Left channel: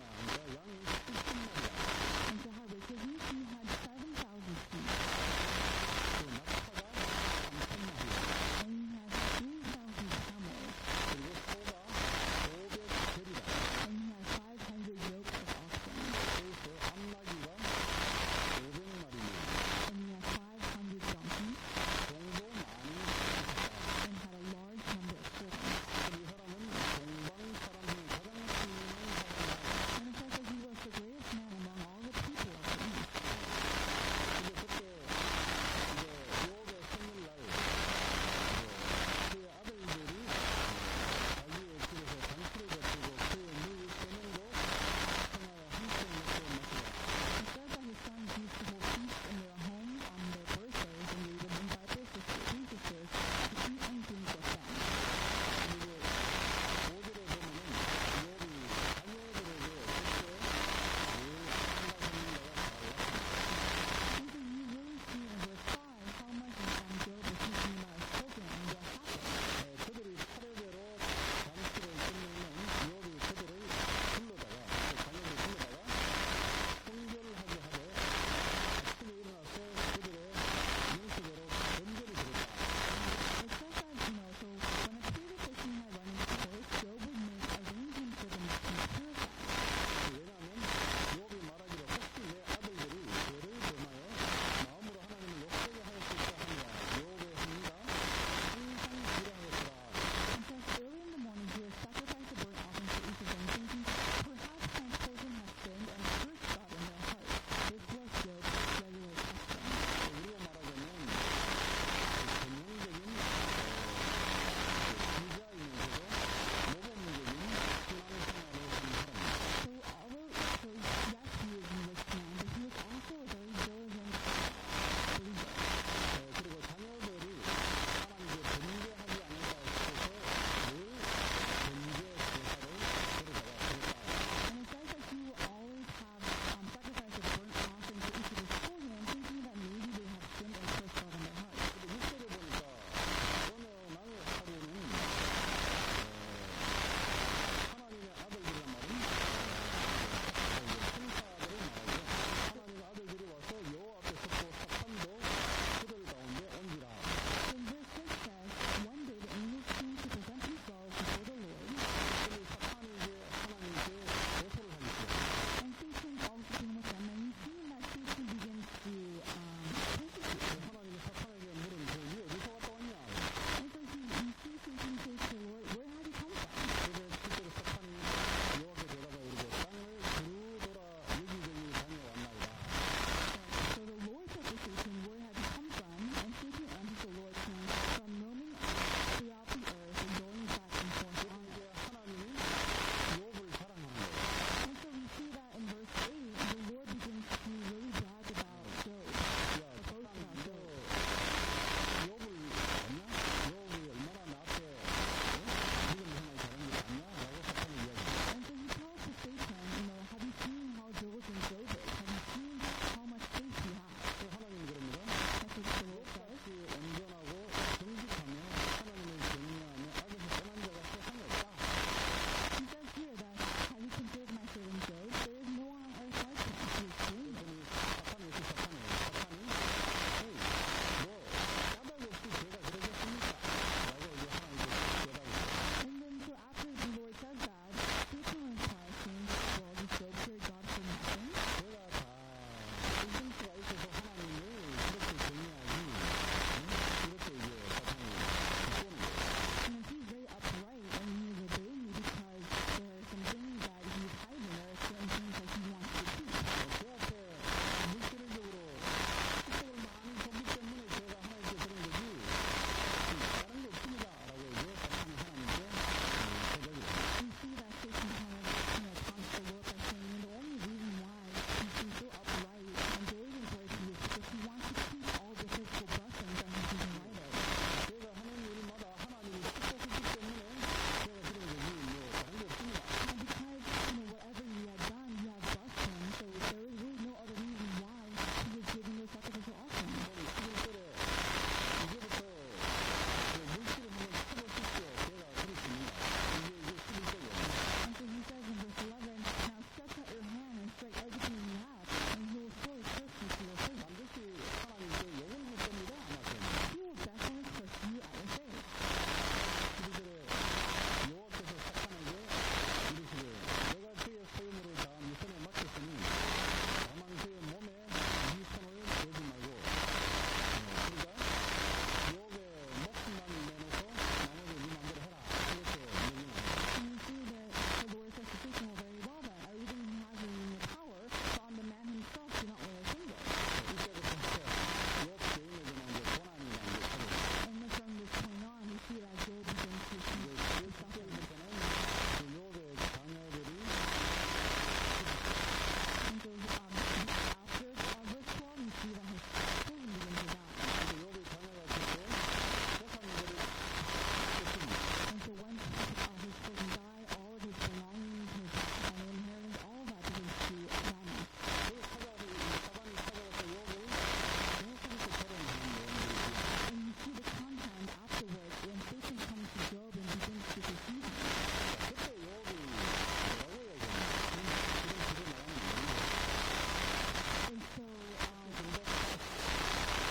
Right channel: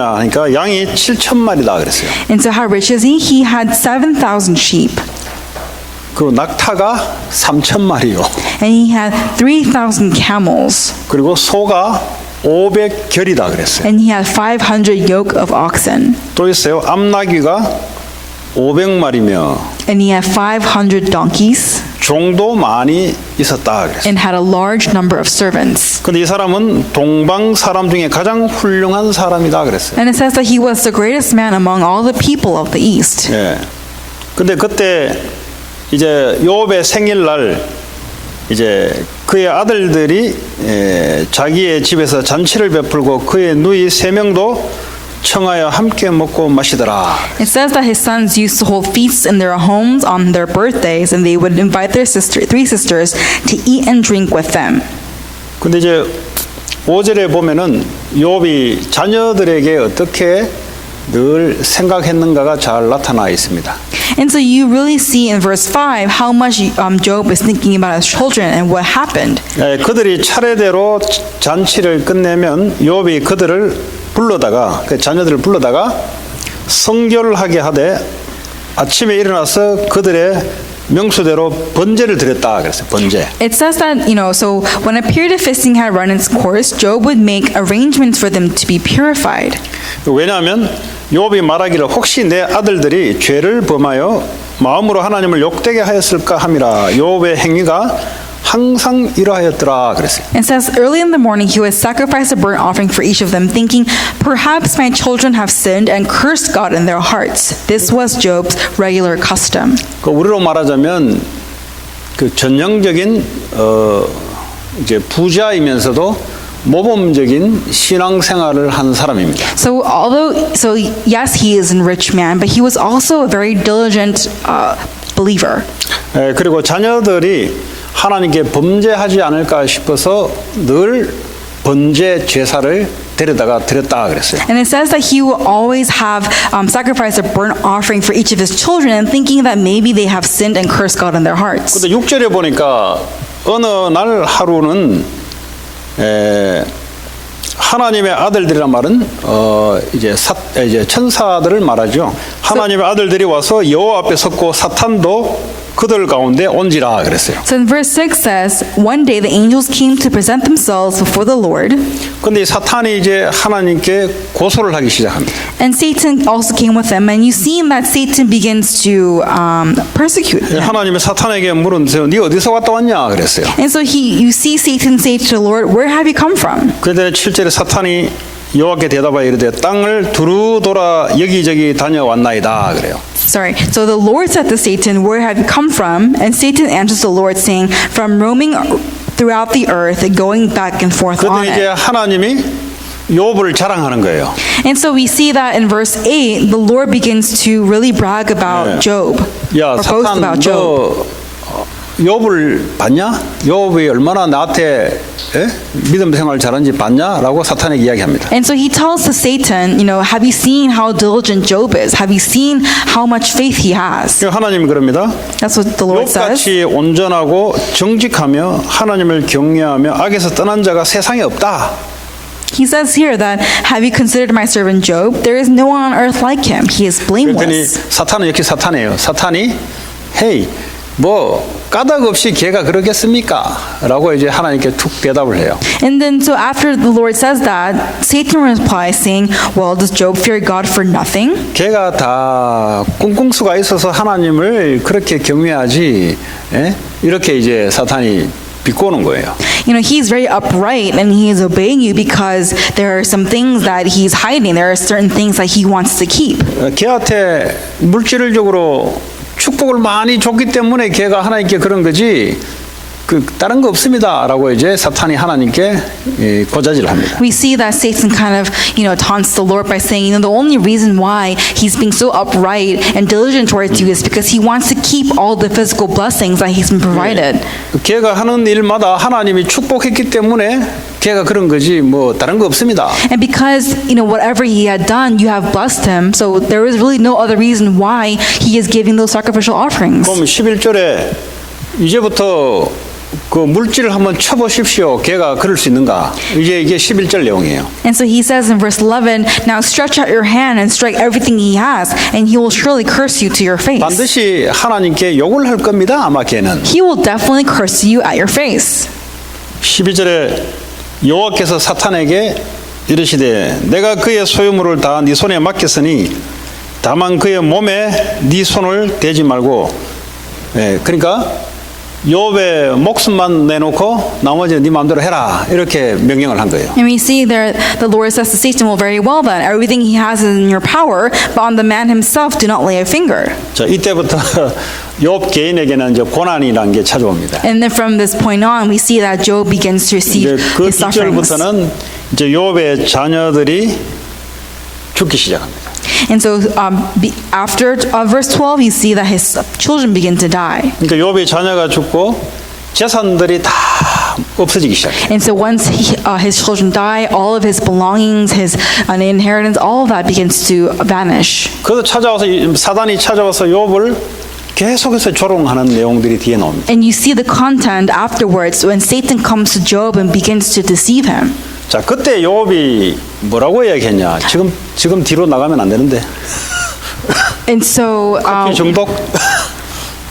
그러니까 양이 7,000마리다 그랬어요. And so how rich is he? He had 7,000 sheep. 그리고 낙타가 3,000마리요. And he had 3,000 camels. 그리고 소가 500결이다 그랬어요. And he had 500 yoke of oxen. 또 있어요. 암나귀가 500마리며 And he had 500 donkeys. 종도 많이 있었다 그랬어요. And had a large number of servants. 근데 이 사람은 동방 사람 중에 가장 훌륭한 사람이다 그랬어요. And it says that he was the greatest man among all the people of the east. 예. 근데 그때 이제 욥의 생일날 이제 그의 아들들이 자기의 집에서 잔치를 베풀고 그의 누이 3명도 청하여 함께 먹고 마시더라. It says that his sons used to hold feasts in their homes on their birthdays, and they would invite their three sisters to eat and drink with them. 근데 이제 5절에 보면은 욥이 자녀들에게 어떻게 늘 생각했는가가 잘 나타나 있습니다. And so you really see in verse 5 how much Job is thinking about his children and what happened. 그들이 차례대로 잔치를 끝내면 욥이 그들을 불러다가 그 자녀들을 불러다가 성결하게 하되 아침에 일어나서 그들의 명수대로 번제를 드렸다 그랬어요. 번제. It says that, so when a period of fasting had run its course, Job would make arrangements for them to be purified. 왜냐하면 욥이 말하기를 혹시 내 아들들이 죄를 범하여 마음으로 하나님을 욕되게 하였을까 함이라. 욥의 행위가 항상 이러하였더라 그랬어요. It says early in the morning he would sacrifice a burnt offering for each of them, thinking, perhaps my children have sinned and cursed God in their hearts. This was Job's regular custom. 그 우리로 말하자면 그 전형적인 이제 부자이면서도 모범적인 신앙생활을 한 사람입니다. So yes, he is a rich man, but he was also a very diligent believer. 그리고 자녀들이 하나님께 범죄하지 않을까 싶어서 늘 번제 제사를 데려다가 드렸다 그랬어요. And it says that he will always have sacrificed a burnt offering for each of his children, and thinking that maybe they have sinned and cursed God in their hearts. 근데 6절에 보니까 어느 날 하루는 하나님의 아들들이란 말은 이제 천사들을 말하죠. 하나님의 아들들이 와서 여호와 앞에 섰고 사탄도 그들 가운데 온지라 그랬어요. So in verse 6 says, one day the angels came to present themselves before the Lord. 근데 사탄이 이제 하나님께 고소를 하기 시작합니다. And Satan also came with them, and you see that Satan begins to persecute them. 하나님의 사탄에게 물은세요. 네 어디서 갔다 왔냐 그랬어요. And so you see Satan say to the Lord, where have you come from? 그런데 7절에 사탄이 여호와께 대답하여 이르되 땅을 두루 돌아 여기저기 다녀왔나이다 그래요. Sorry. So the Lord said to Satan, where have you come from? And Satan answers the Lord, saying, from roaming throughout the earth, going back and forth on 그랬더니 이제 it. 하나님이 욥을 자랑하는 거예요. And so we see that in verse 8, the Lord begins to really brag about Job, 야, or boast 사탄 about Job. 너 욥을 봤냐? 욥이 얼마나 나한테 믿음 생활 잘하는지 봤냐? 라고 사탄에게 이야기합니다. And so he tells to Satan, have you seen how diligent Job is? Have you seen how much faith he has? 하나님이 그럽니다. That's what the Lord says. 욥같이 온전하고 정직하며 하나님을 경외하며 악에서 떠난 자가 세상에 없다. He says here that, have you considered my servant Job? There is no one on earth like him. He is 그랬더니 blameless. 사탄은 역시 사탄이에요. 사탄이 헤이 뭐 까닭 없이 걔가 그러겠습니까? 라고 이제 하나님께 툭 대답을 해요. And then so after the Lord says that, Satan replies saying, well, does Job fear God for nothing? 걔가 다 꿍꿍수가 있어서 하나님을 그렇게 경외하지. 이렇게 이제 사탄이 비꼬는 거예요. He's very upright and he is obeying you because there are some things that he's hiding. There are certain things that he wants to keep. 걔한테 물질적으로 축복을 많이 줬기 때문에 걔가 하나님께 그런 거지 다른 거 없습니다라고 이제 사탄이 하나님께 고자질합니다. We see that Satan kind of, taunts the Lord by saying, the only reason why he's being so upright and diligent towards you is because he wants to keep all the physical blessings that he's been provided. 걔가 하는 일마다 하나님이 축복했기 때문에 걔가 그런 거지 뭐 다른 거 없습니다. And because, whatever he had done, you have blessed him, so there is really no other reason why he is giving those sacrificial offerings. 그럼 11절에 이제부터 그 물질을 한번 쳐보십시오. 걔가 그럴 수 있는가? 이게 11절 내용이에요. And so he says in verse 11, now stretch out your hand and strike everything he has, and he will surely curse you to your face. 반드시 하나님께 욕을 할 겁니다. 아마 걔는. He will definitely curse you at your face. 12절에 여호와께서 사탄에게 이르시되 내가 그의 소유물을 다 네 손에 맡겼으니 다만 그의 몸에 네 손을 대지 말고 그러니까 욥의 목숨만 내놓고 나머지 네 마음대로 해라 이렇게 명령을 한 거예요. And we see there the Lord says to Satan, well, very well then, everything he has is in your power, but on the man himself do not lay a finger. 자, 이때부터 욥 개인에게는 이제 고난이라는 게 찾아옵니다. And then from this point on, we see that Job begins to receive 이제 그 his sufferings. 뒷절부터는 이제 욥의 자녀들이 죽기 시작합니다. And so after verse 12, you see that his children begin to die. 그러니까 욥의 자녀가 죽고 재산들이 다 없어지기 시작해요. And so once his children die, all of his belongings, his inheritance, all of that begins to vanish. 그래서 사단이 찾아와서 욥을 계속해서 조롱하는 내용들이 뒤에 나옵니다. And you see the content afterwards when Satan comes to Job and begins to deceive him. 자, 그때 욥이 뭐라고 이야기했냐? 지금 뒤로 나가면 안 되는데. And so 중독.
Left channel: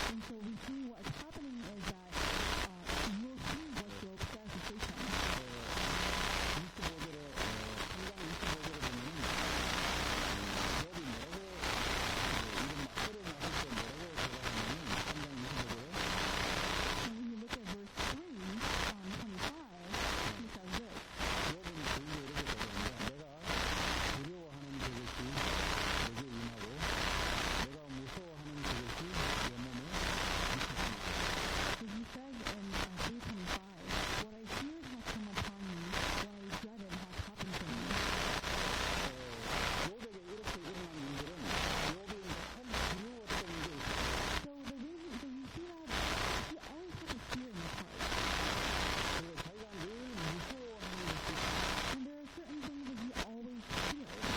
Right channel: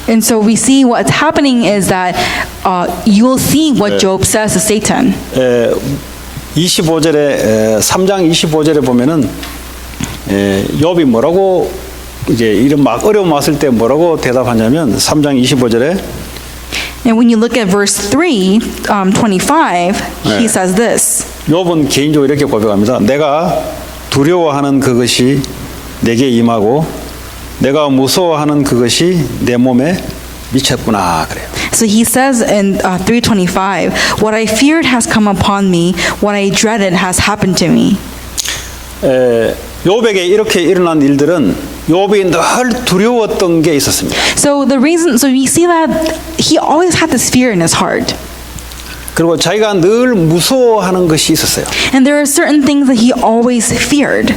And so we see what's happening is that you will see what Job says to Satan. 25절에 3장 25절에 보면은 욥이 뭐라고 이제 이런 막 어려움 왔을 때 뭐라고 대답하냐면 3장 25절에 And when you look at verse 3, 25, he says this. 욥은 개인적으로 이렇게 고백합니다. 내가 두려워하는 그것이 내게 임하고 내가 무서워하는 그것이 내 몸에 미쳤구나 그래요. So he says in 3:25, what I feared has come upon me, what I dreaded has happened to me. 욥에게 이렇게 일어난 일들은 욥이 늘 두려웠던 게 있었습니다. So we see that he always had this fear in his heart. 그리고 자기가 늘 무서워하는 것이 있었어요. And there are certain things that he always feared.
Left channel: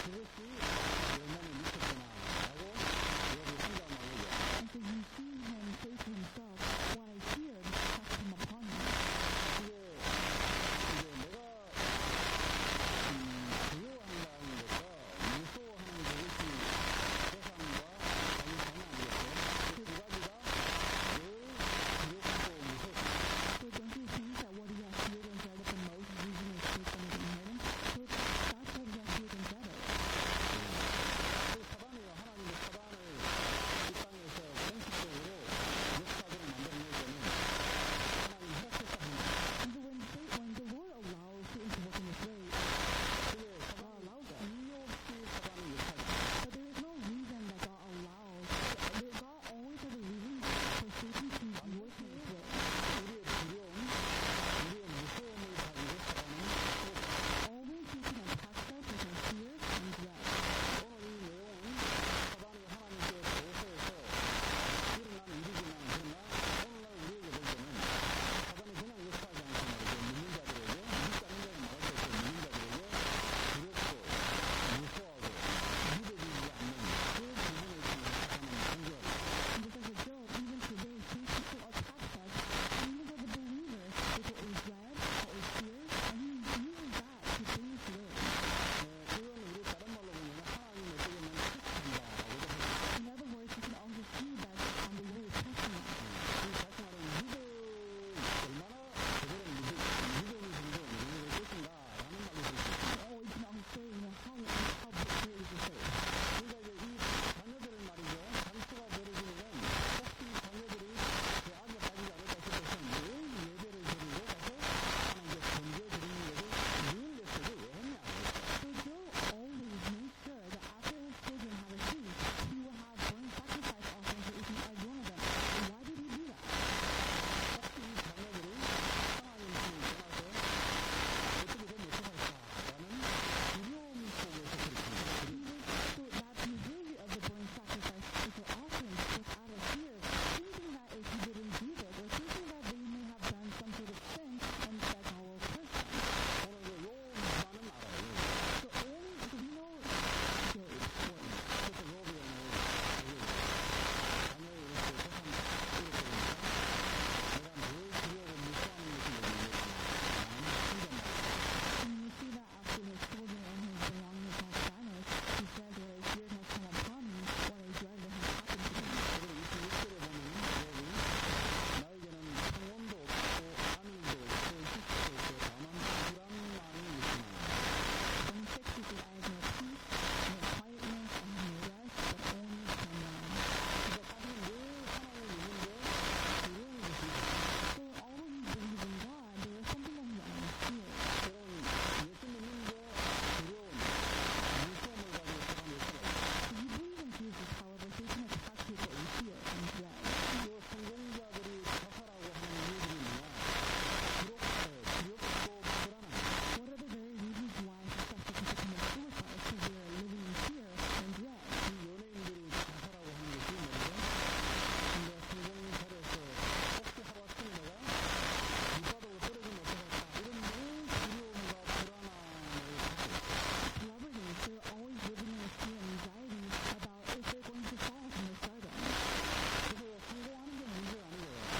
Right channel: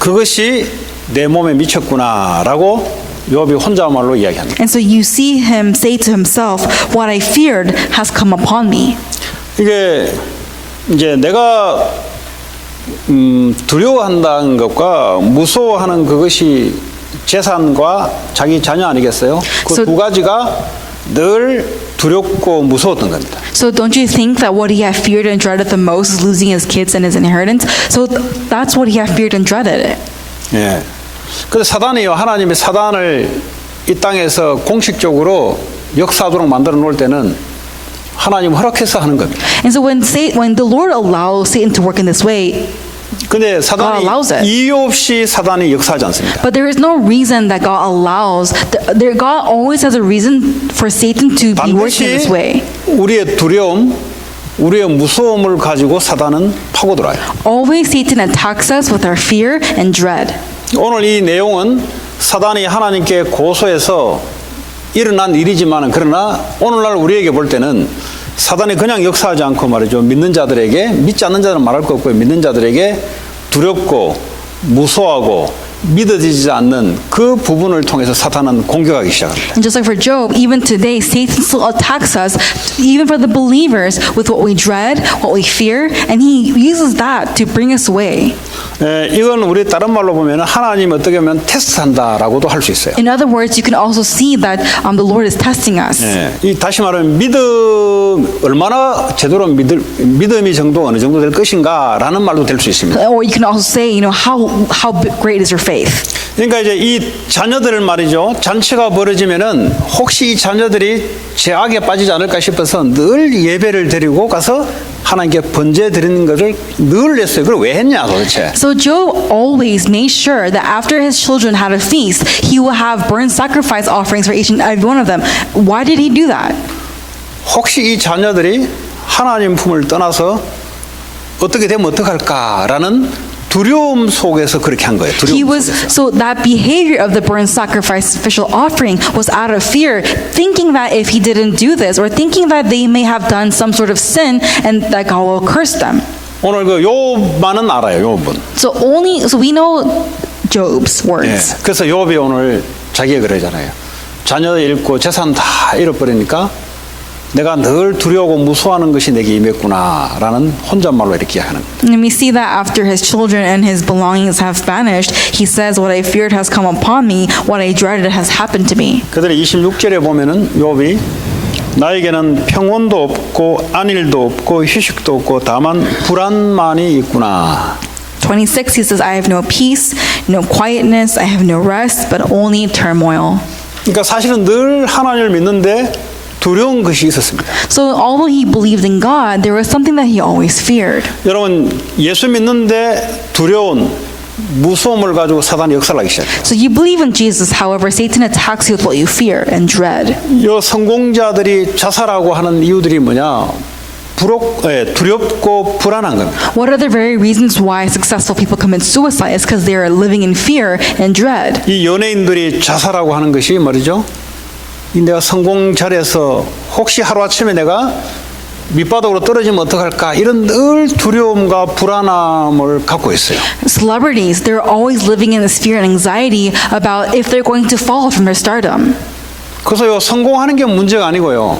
그것이 내 몸에 미쳤구나라고 욥이 혼자 말로 이야기합니다. And so you see him say to himself, what I feared has come upon me. 이게 이제 내가 두려워한다는 것과 무서워하는 그것이 재산과 자기 자녀 아니겠어요? 그 두 가지가 늘 두렵고 무서웠던 겁니다. So don't you think that what he had feared and dreaded the most is losing his kids and his inheritance? So that's what he had feared and dreaded. 예. 그래서 사단이요, 하나님이 사단을 이 땅에서 공식적으로 역사하도록 만들어 놓을 때는 하나님 허락해서 하는 겁니다. And so when the Lord allows Satan to work in this way, 근데 사단이 allows it. 이유 없이 사단이 역사하지 않습니다. but there is no reason that God allows. God always has a reason for Satan to be working in this way. 우리의 두려움, 우리의 무서움을 가지고 사단은 파고들어요. Always Satan attacks us with our fear and dread. 오늘 이 내용은 사단이 하나님께 고소해서 일어난 일이지만 그러나 오늘날 우리에게 볼 때는 사단이 그냥 역사하지 않고 말이죠. 믿는 자들에게, 믿지 않는 자들은 말할 거 없고요. 믿는 자들에게 두렵고 무서워하고 믿어지지 않는 그 부분을 통해서 사탄은 공격하기 시작합니다. And just like for Job, even today, Satan still attacks us, even for the believers, with what we dread, what we fear, and he uses that to bring us away. 이건 우리 다른 말로 보면 하나님 어떻게 보면 테스트한다라고도 할 수 있어요. In other words, you can also see that the Lord is testing us. 이 다시 말하면 얼마나 제대로 믿음이 정도 어느 정도 될 것인가라는 말도 될 수 있습니다. Or you can also say, how great is your faith? 그러니까 이제 이 자녀들을 말이죠. 잔치가 벌어지면은 혹시 이 자녀들이 죄악에 빠지지 않을까 싶어서 늘 예배를 드리고 가서 하나님께 번제 드리는 것을 늘 했어요. 그걸 왜 했냐 도대체? So Job always made sure that after his children had a feast, he will have burnt sacrifice offerings for each and every one of them. Why did he do that? 혹시 이 자녀들이 하나님 품을 떠나서 어떻게 되면 어떡할까라는 두려움 속에서 그렇게 한 거예요. 두려움 속에서. So that behavior of the burnt sacrificial offering was out of fear, thinking that if he didn't do this, or thinking that they may have done some sort of sin and that God will curse them. 오늘 그 욥만은 알아요. 욥은. So we know Job's words. 그래서 욥이 오늘 자기가 그러잖아요. 자녀 잃고 재산 다 잃어버리니까 내가 늘 두려워하고 무서워하는 것이 내게 임했구나라는 혼잣말로 이렇게 하는 거예요. And we see that after his children and his belongings have vanished, he says, "What I feared has come upon me, what I dreaded has happened to me." 그들의 26절에 보면은 욥이 나에게는 평온도 없고 안일도 없고 휴식도 없고 다만 불안만이 있구나. 26, he says, "I have no peace, no quietness, I have no rest, but only turmoil." 그러니까 사실은 늘 하나님을 믿는데 두려운 것이 있었습니다. So although he believed in God, there was something that he always feared. 여러분 예수 믿는데 두려운 무서움을 가지고 사단이 역사하기 시작해요. So you believe in Jesus, however, Satan attacks you with what you fear and dread. 이 성공자들이 자살하고 하는 이유들이 뭐냐? 두렵고 불안한 겁니다. What are the very reasons why successful people commit suicide? It's because they are living in fear and dread. 이 연예인들이 자살하고 하는 것이 말이죠. 이 내가 성공자리에서 혹시 하루아침에 내가 밑바닥으로 떨어지면 어떡할까 이런 늘 두려움과 불안함을 갖고 있어요. Celebrities, they're always living in this fear and anxiety about if they're going to fall from their stardom. 그래서 성공하는 게 문제가 아니고요.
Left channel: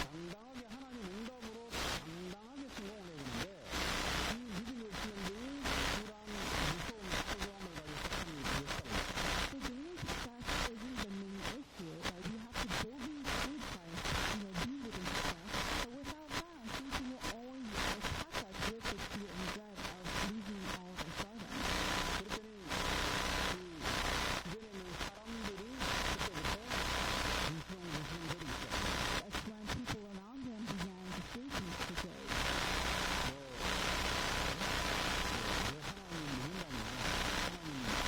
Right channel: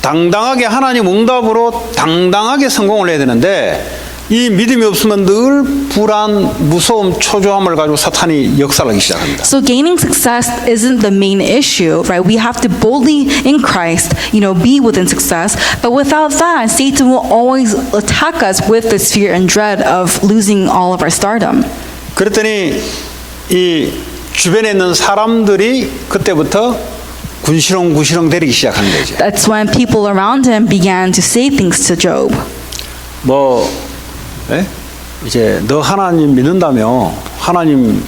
당당하게 하나님 응답으로 당당하게 성공을 해야 되는데 이 믿음이 없으면 늘 불안, 무서움, 초조함을 가지고 사탄이 역사하기 시작합니다. So gaining success isn't the main issue, right? We have to boldly in Christ, be within success. But without that, Satan will always attack us with this fear and dread of losing all of our stardom. 그랬더니 이 주변에 있는 사람들이 그때부터 군시렁 대리기 시작한 거죠. That's when people around him began to say things to Job. 이제 너 하나님 믿는다며 하나님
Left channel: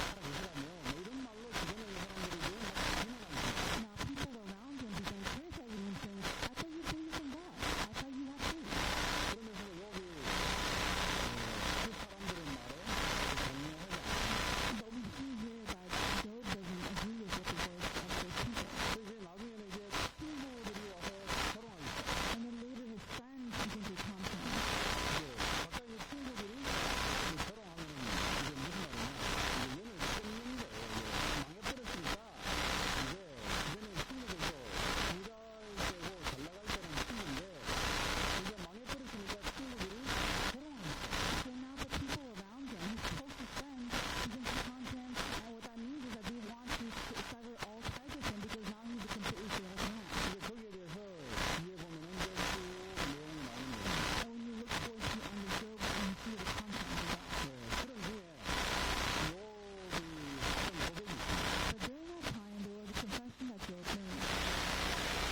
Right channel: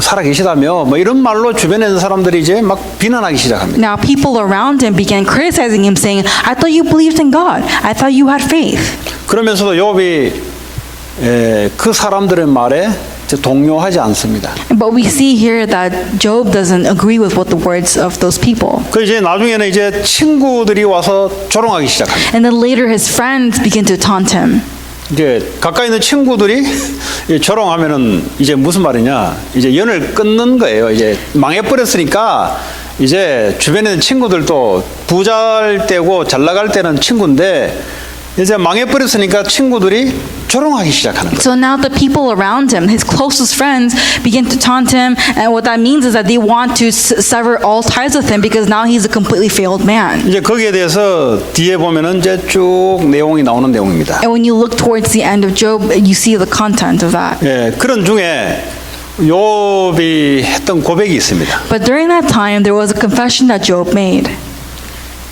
살아 계시다며 이런 말로 주변에 있는 사람들이 이제 막 비난하기 시작합니다. Now people around him began criticizing him, saying, "I thought you believed in God. I thought you had faith." 그러면서도 욥이 그 사람들의 말에 동요하지 않습니다. But we see here that Job doesn't agree with what the words of those people. 그 이제 나중에는 이제 친구들이 와서 조롱하기 시작합니다. And then later his friends begin to taunt him. 이제 가까이 있는 친구들이 조롱하면은 이제 무슨 말이냐? 이제 연을 끊는 거예요. 이제 망해버렸으니까 이제 주변에 있는 친구들도 부자일 때고 잘 나갈 때는 친구인데 이제 망해버렸으니까 친구들이 조롱하기 시작하는 거예요. So now the people around him, his closest friends, begin to taunt him, and what that means is that they want to sever all ties with him because now he's a completely failed man. 이제 거기에 대해서 뒤에 보면은 이제 쭉 내용이 나오는 내용입니다. And when you look towards the end of Job, you see the content of that. 예, 그런 중에 욥이 했던 고백이 있습니다. But during that time, there was a confession that Job made.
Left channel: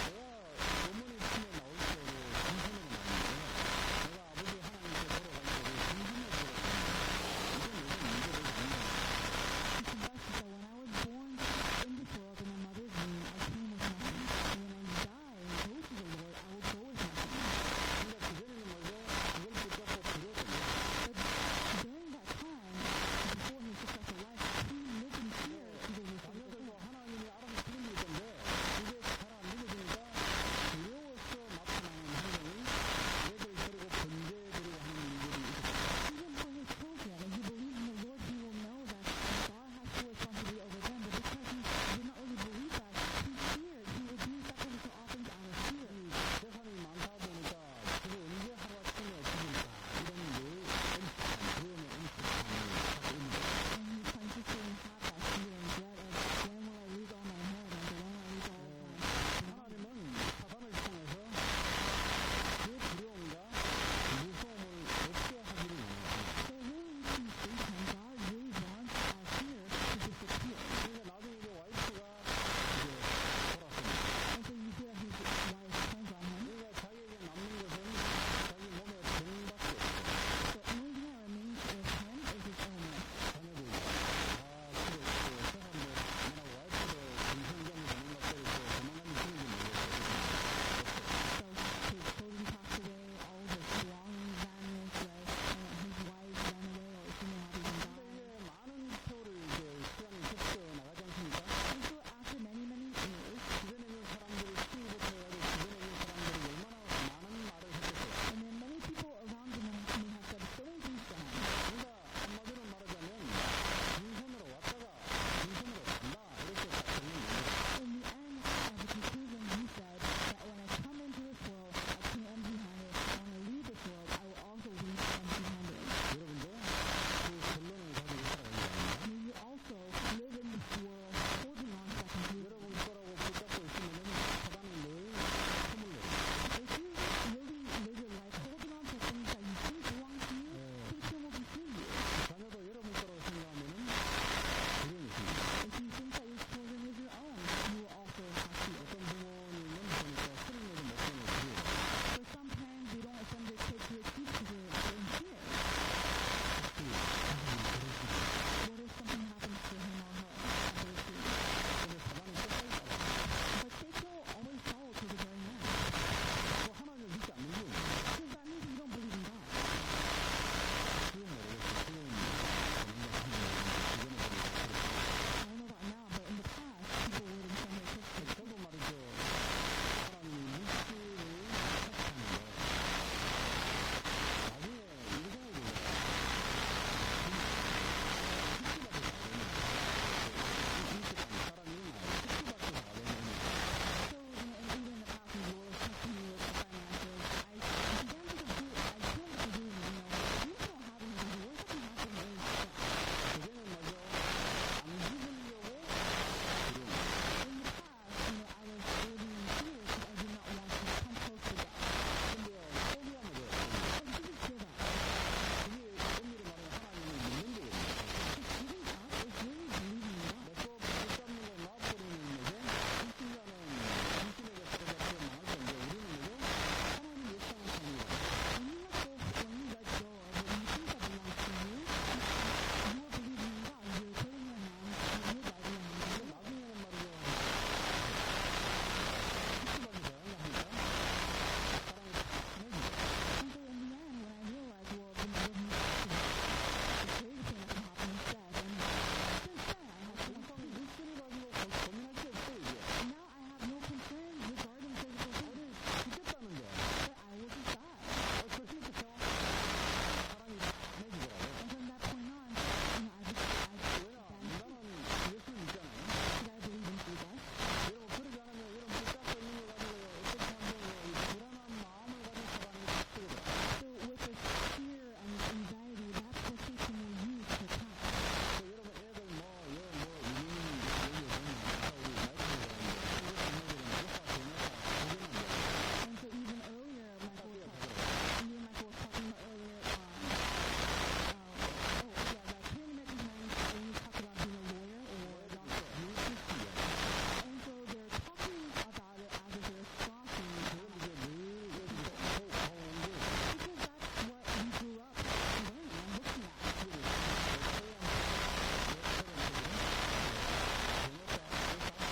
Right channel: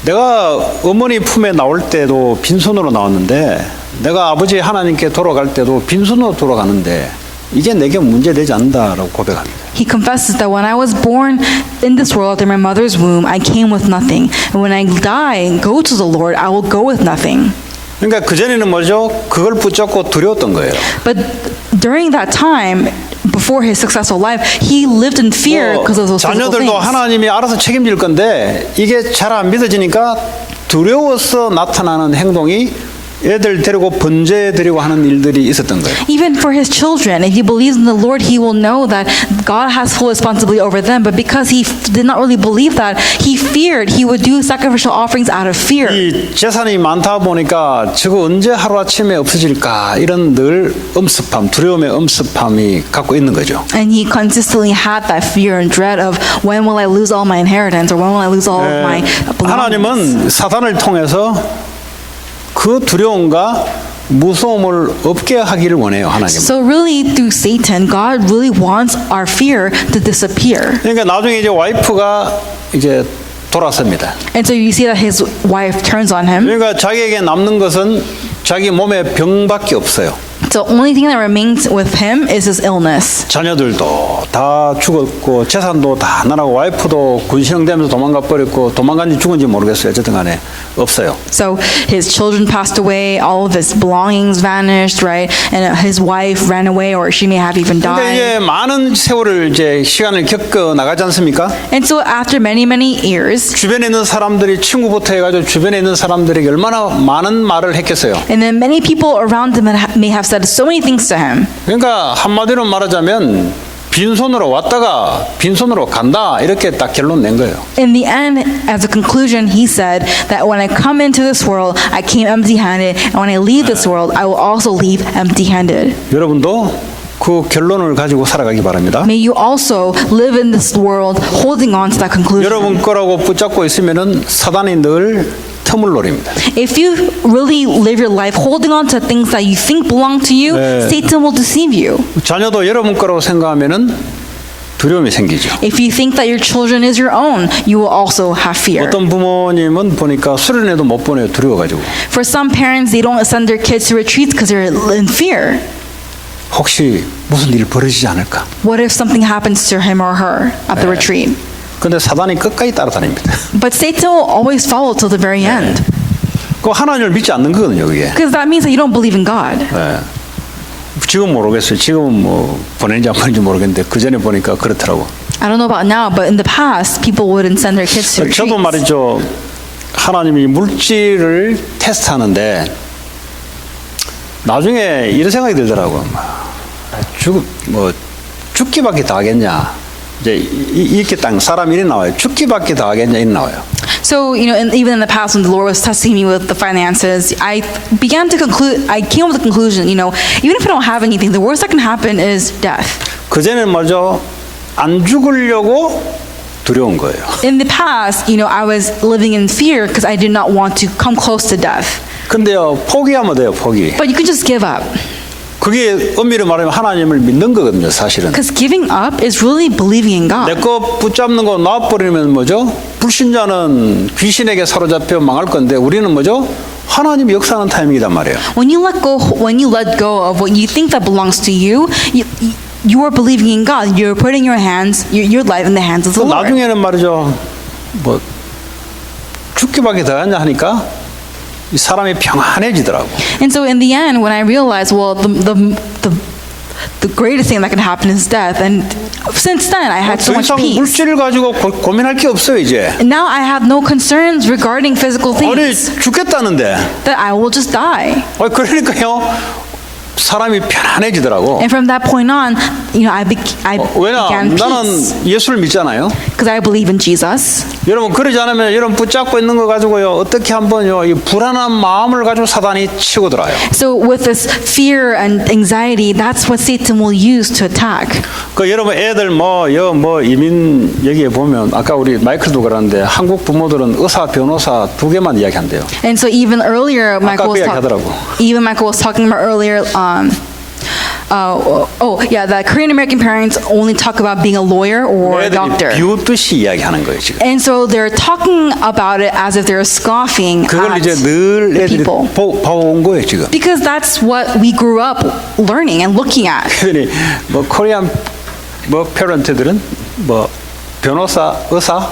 내가 어머니 품에 나올 때도 빈손으로 나왔는데 내가 아버지 하나님께 돌아갈 때도 빈손으로 돌아가는데 이게 내게 문제되지 않는다라고 고백합니다. He confesses that when I was born in this world in my mother's womb, I came with nothing. And when I die and go to the Lord, I will go with nothing. 그러니까 그전에는 뭐죠? 그걸 붙잡고 두려웠던 거예요. But during that time, before his successful life, he lived in fear because of those physical 자녀들도 things. 하나님이 알아서 책임질 건데 이게 잘 안 믿어지니까 두려워서 나타나는 행동이 애들 데리고 번제드리고 하는 일들이 있었던 거예요. Even for his children, if he believes in the Lord, he will know that God has full responsibility over them. But because he did not really believe that, he feared he would do sacrificial offerings out of fear. 이 재산이 많다 보니까 저거 언제 하루아침에 없어질까 이런 늘 엄습함, 두려움의 엄습함이 갖고 있는 거죠. And he consistently had that fear and dread of when will I lose all my inheritance or when will I lose all of my belongings. 하나님은 사단을 통해서 그 두려움과 무서움을 없게 하기를 원해요. 하나님. So really through Satan, God really wants our fear to disappear. 그러니까 나중에 이제 와이프가 이제 돌아섭니다. And so you see that his wife turns on him. 그러니까 자기에게 남는 것은 자기 몸에 병밖에 없어요. The only thing that remains with him is his illness. 자녀들도 다 죽었고 재산도 다 나라고 와이프도 군시렁대면서 도망가 버렸고 도망간지 죽은지 모르겠어요. 어쨌든 간에 없어요. So his children passed away, all of his belongings vanished, right? And his wife ran away, or she may have even 근데 died. 이제 많은 세월을 이제 시간을 겪어 나가지 않습니까? And so after many years, 주변에 있는 사람들이 친구부터 해가지고 주변에 있는 사람들에게 얼마나 많은 말을 했겠어요. and then many people around him may have said so many things to him. 그러니까 한마디로 말하자면 빈손으로 왔다가 빈손으로 간다 이렇게 딱 결론 낸 거예요. In the end, as a conclusion, he said that when I come into this world, I came empty-handed, and when I leave this world, I will also leave empty-handed. 여러분도 그 결론을 가지고 살아가기 바랍니다. May you also live in this world holding on to that conclusion. 여러분 거라고 붙잡고 있으면은 사단이 늘 틈을 노립니다. If you really live your life holding on to things that you think belong to you, 네. Satan will deceive you. 자녀도 여러분 거라고 생각하면은 두려움이 생기죠. If you think that your children is your own, you will also have fear. 어떤 부모님은 보니까 수련회도 못 보내요. 두려워가지고. For some parents, they don't send their kids to retreats because they're in fear. 혹시 무슨 일 벌어지지 않을까? What if something happens to him or her at the retreat? 근데 사단이 끝까지 따라다닙니다. But Satan will always follow till the very end. 그 하나님을 믿지 않는 거거든요, 그게. Because that means that you don't believe in God. 지금 모르겠어요. 지금은 뭐 보내는지 안 보내는지 모르겠는데 그 전에 보니까 그렇더라고. I don't know about now, but in the past, people wouldn't send their kids to 저도 retreats. 말이죠. 하나님이 물질을 테스트하는데 나중에 이런 생각이 들더라고. 죽기밖에 더 하겠냐. 이제 이렇게 딱 사람 일이 나와요. 죽기밖에 더 하겠냐 이 나와요. So, even in the past when the Lord was testing me with the finances, I came up with the conclusion, even if I don't have anything, the worst that can happen is death. 그전에는 말이죠. 안 죽으려고 두려운 거예요. In the past, I was living in fear because I did not want to come close to death. 근데요, 포기하면 돼요, 포기. But you can just give up. 그게 엄밀히 말하면 하나님을 믿는 거거든요, 사실은. Because giving up is really believing in God. 내 거 붙잡는 거 놔버리면 뭐죠? 불신자는 귀신에게 사로잡혀 망할 건데 우리는 뭐죠? 하나님이 역사하는 타임이란 말이에요. When you let go of what you think that belongs to you, you are believing in God. You're putting your life in the hands of the Lord. 나중에는 말이죠. 뭐 죽기밖에 더 하냐 하니까 이 사람이 평안해지더라고. And so in the end, when I realized, well, the greatest thing that can happen is death, and since then I had so 더 much 이상 peace. 물질을 가지고 고민할 게 없어요 이제. And now I have no concerns regarding physical 아니 things. 죽겠다는데. That I will just die. 그러니까요. 사람이 편안해지더라고. And from that point on, I 왜냐? began 나는 peace 예수를 믿잖아요. because I believe in Jesus. 여러분 그러지 않으면 여러분 붙잡고 있는 거 가지고요 어떻게 한번요 이 불안한 마음을 가지고 사단이 치고 들어요. So with this fear and anxiety, that's what Satan will use to attack. 그 여러분 애들 뭐 이민 여기에 보면 아까 우리 마이클도 그러는데 한국 부모들은 의사 변호사 두 개만 이야기한대요. And so even earlier, Michael was talking about earlier. That Korean American parents only talk about being a lawyer or a doctor. 애들이 비웃듯이 이야기하는 거예요 지금. And so they're talking about it as if they're scoffing 그걸 at 이제 늘 the 애들이 people. 봐온 거예요 지금. Because that's what we grew up learning and looking at. 그러니 뭐 코리안 뭐 페런트들은 뭐 변호사, 의사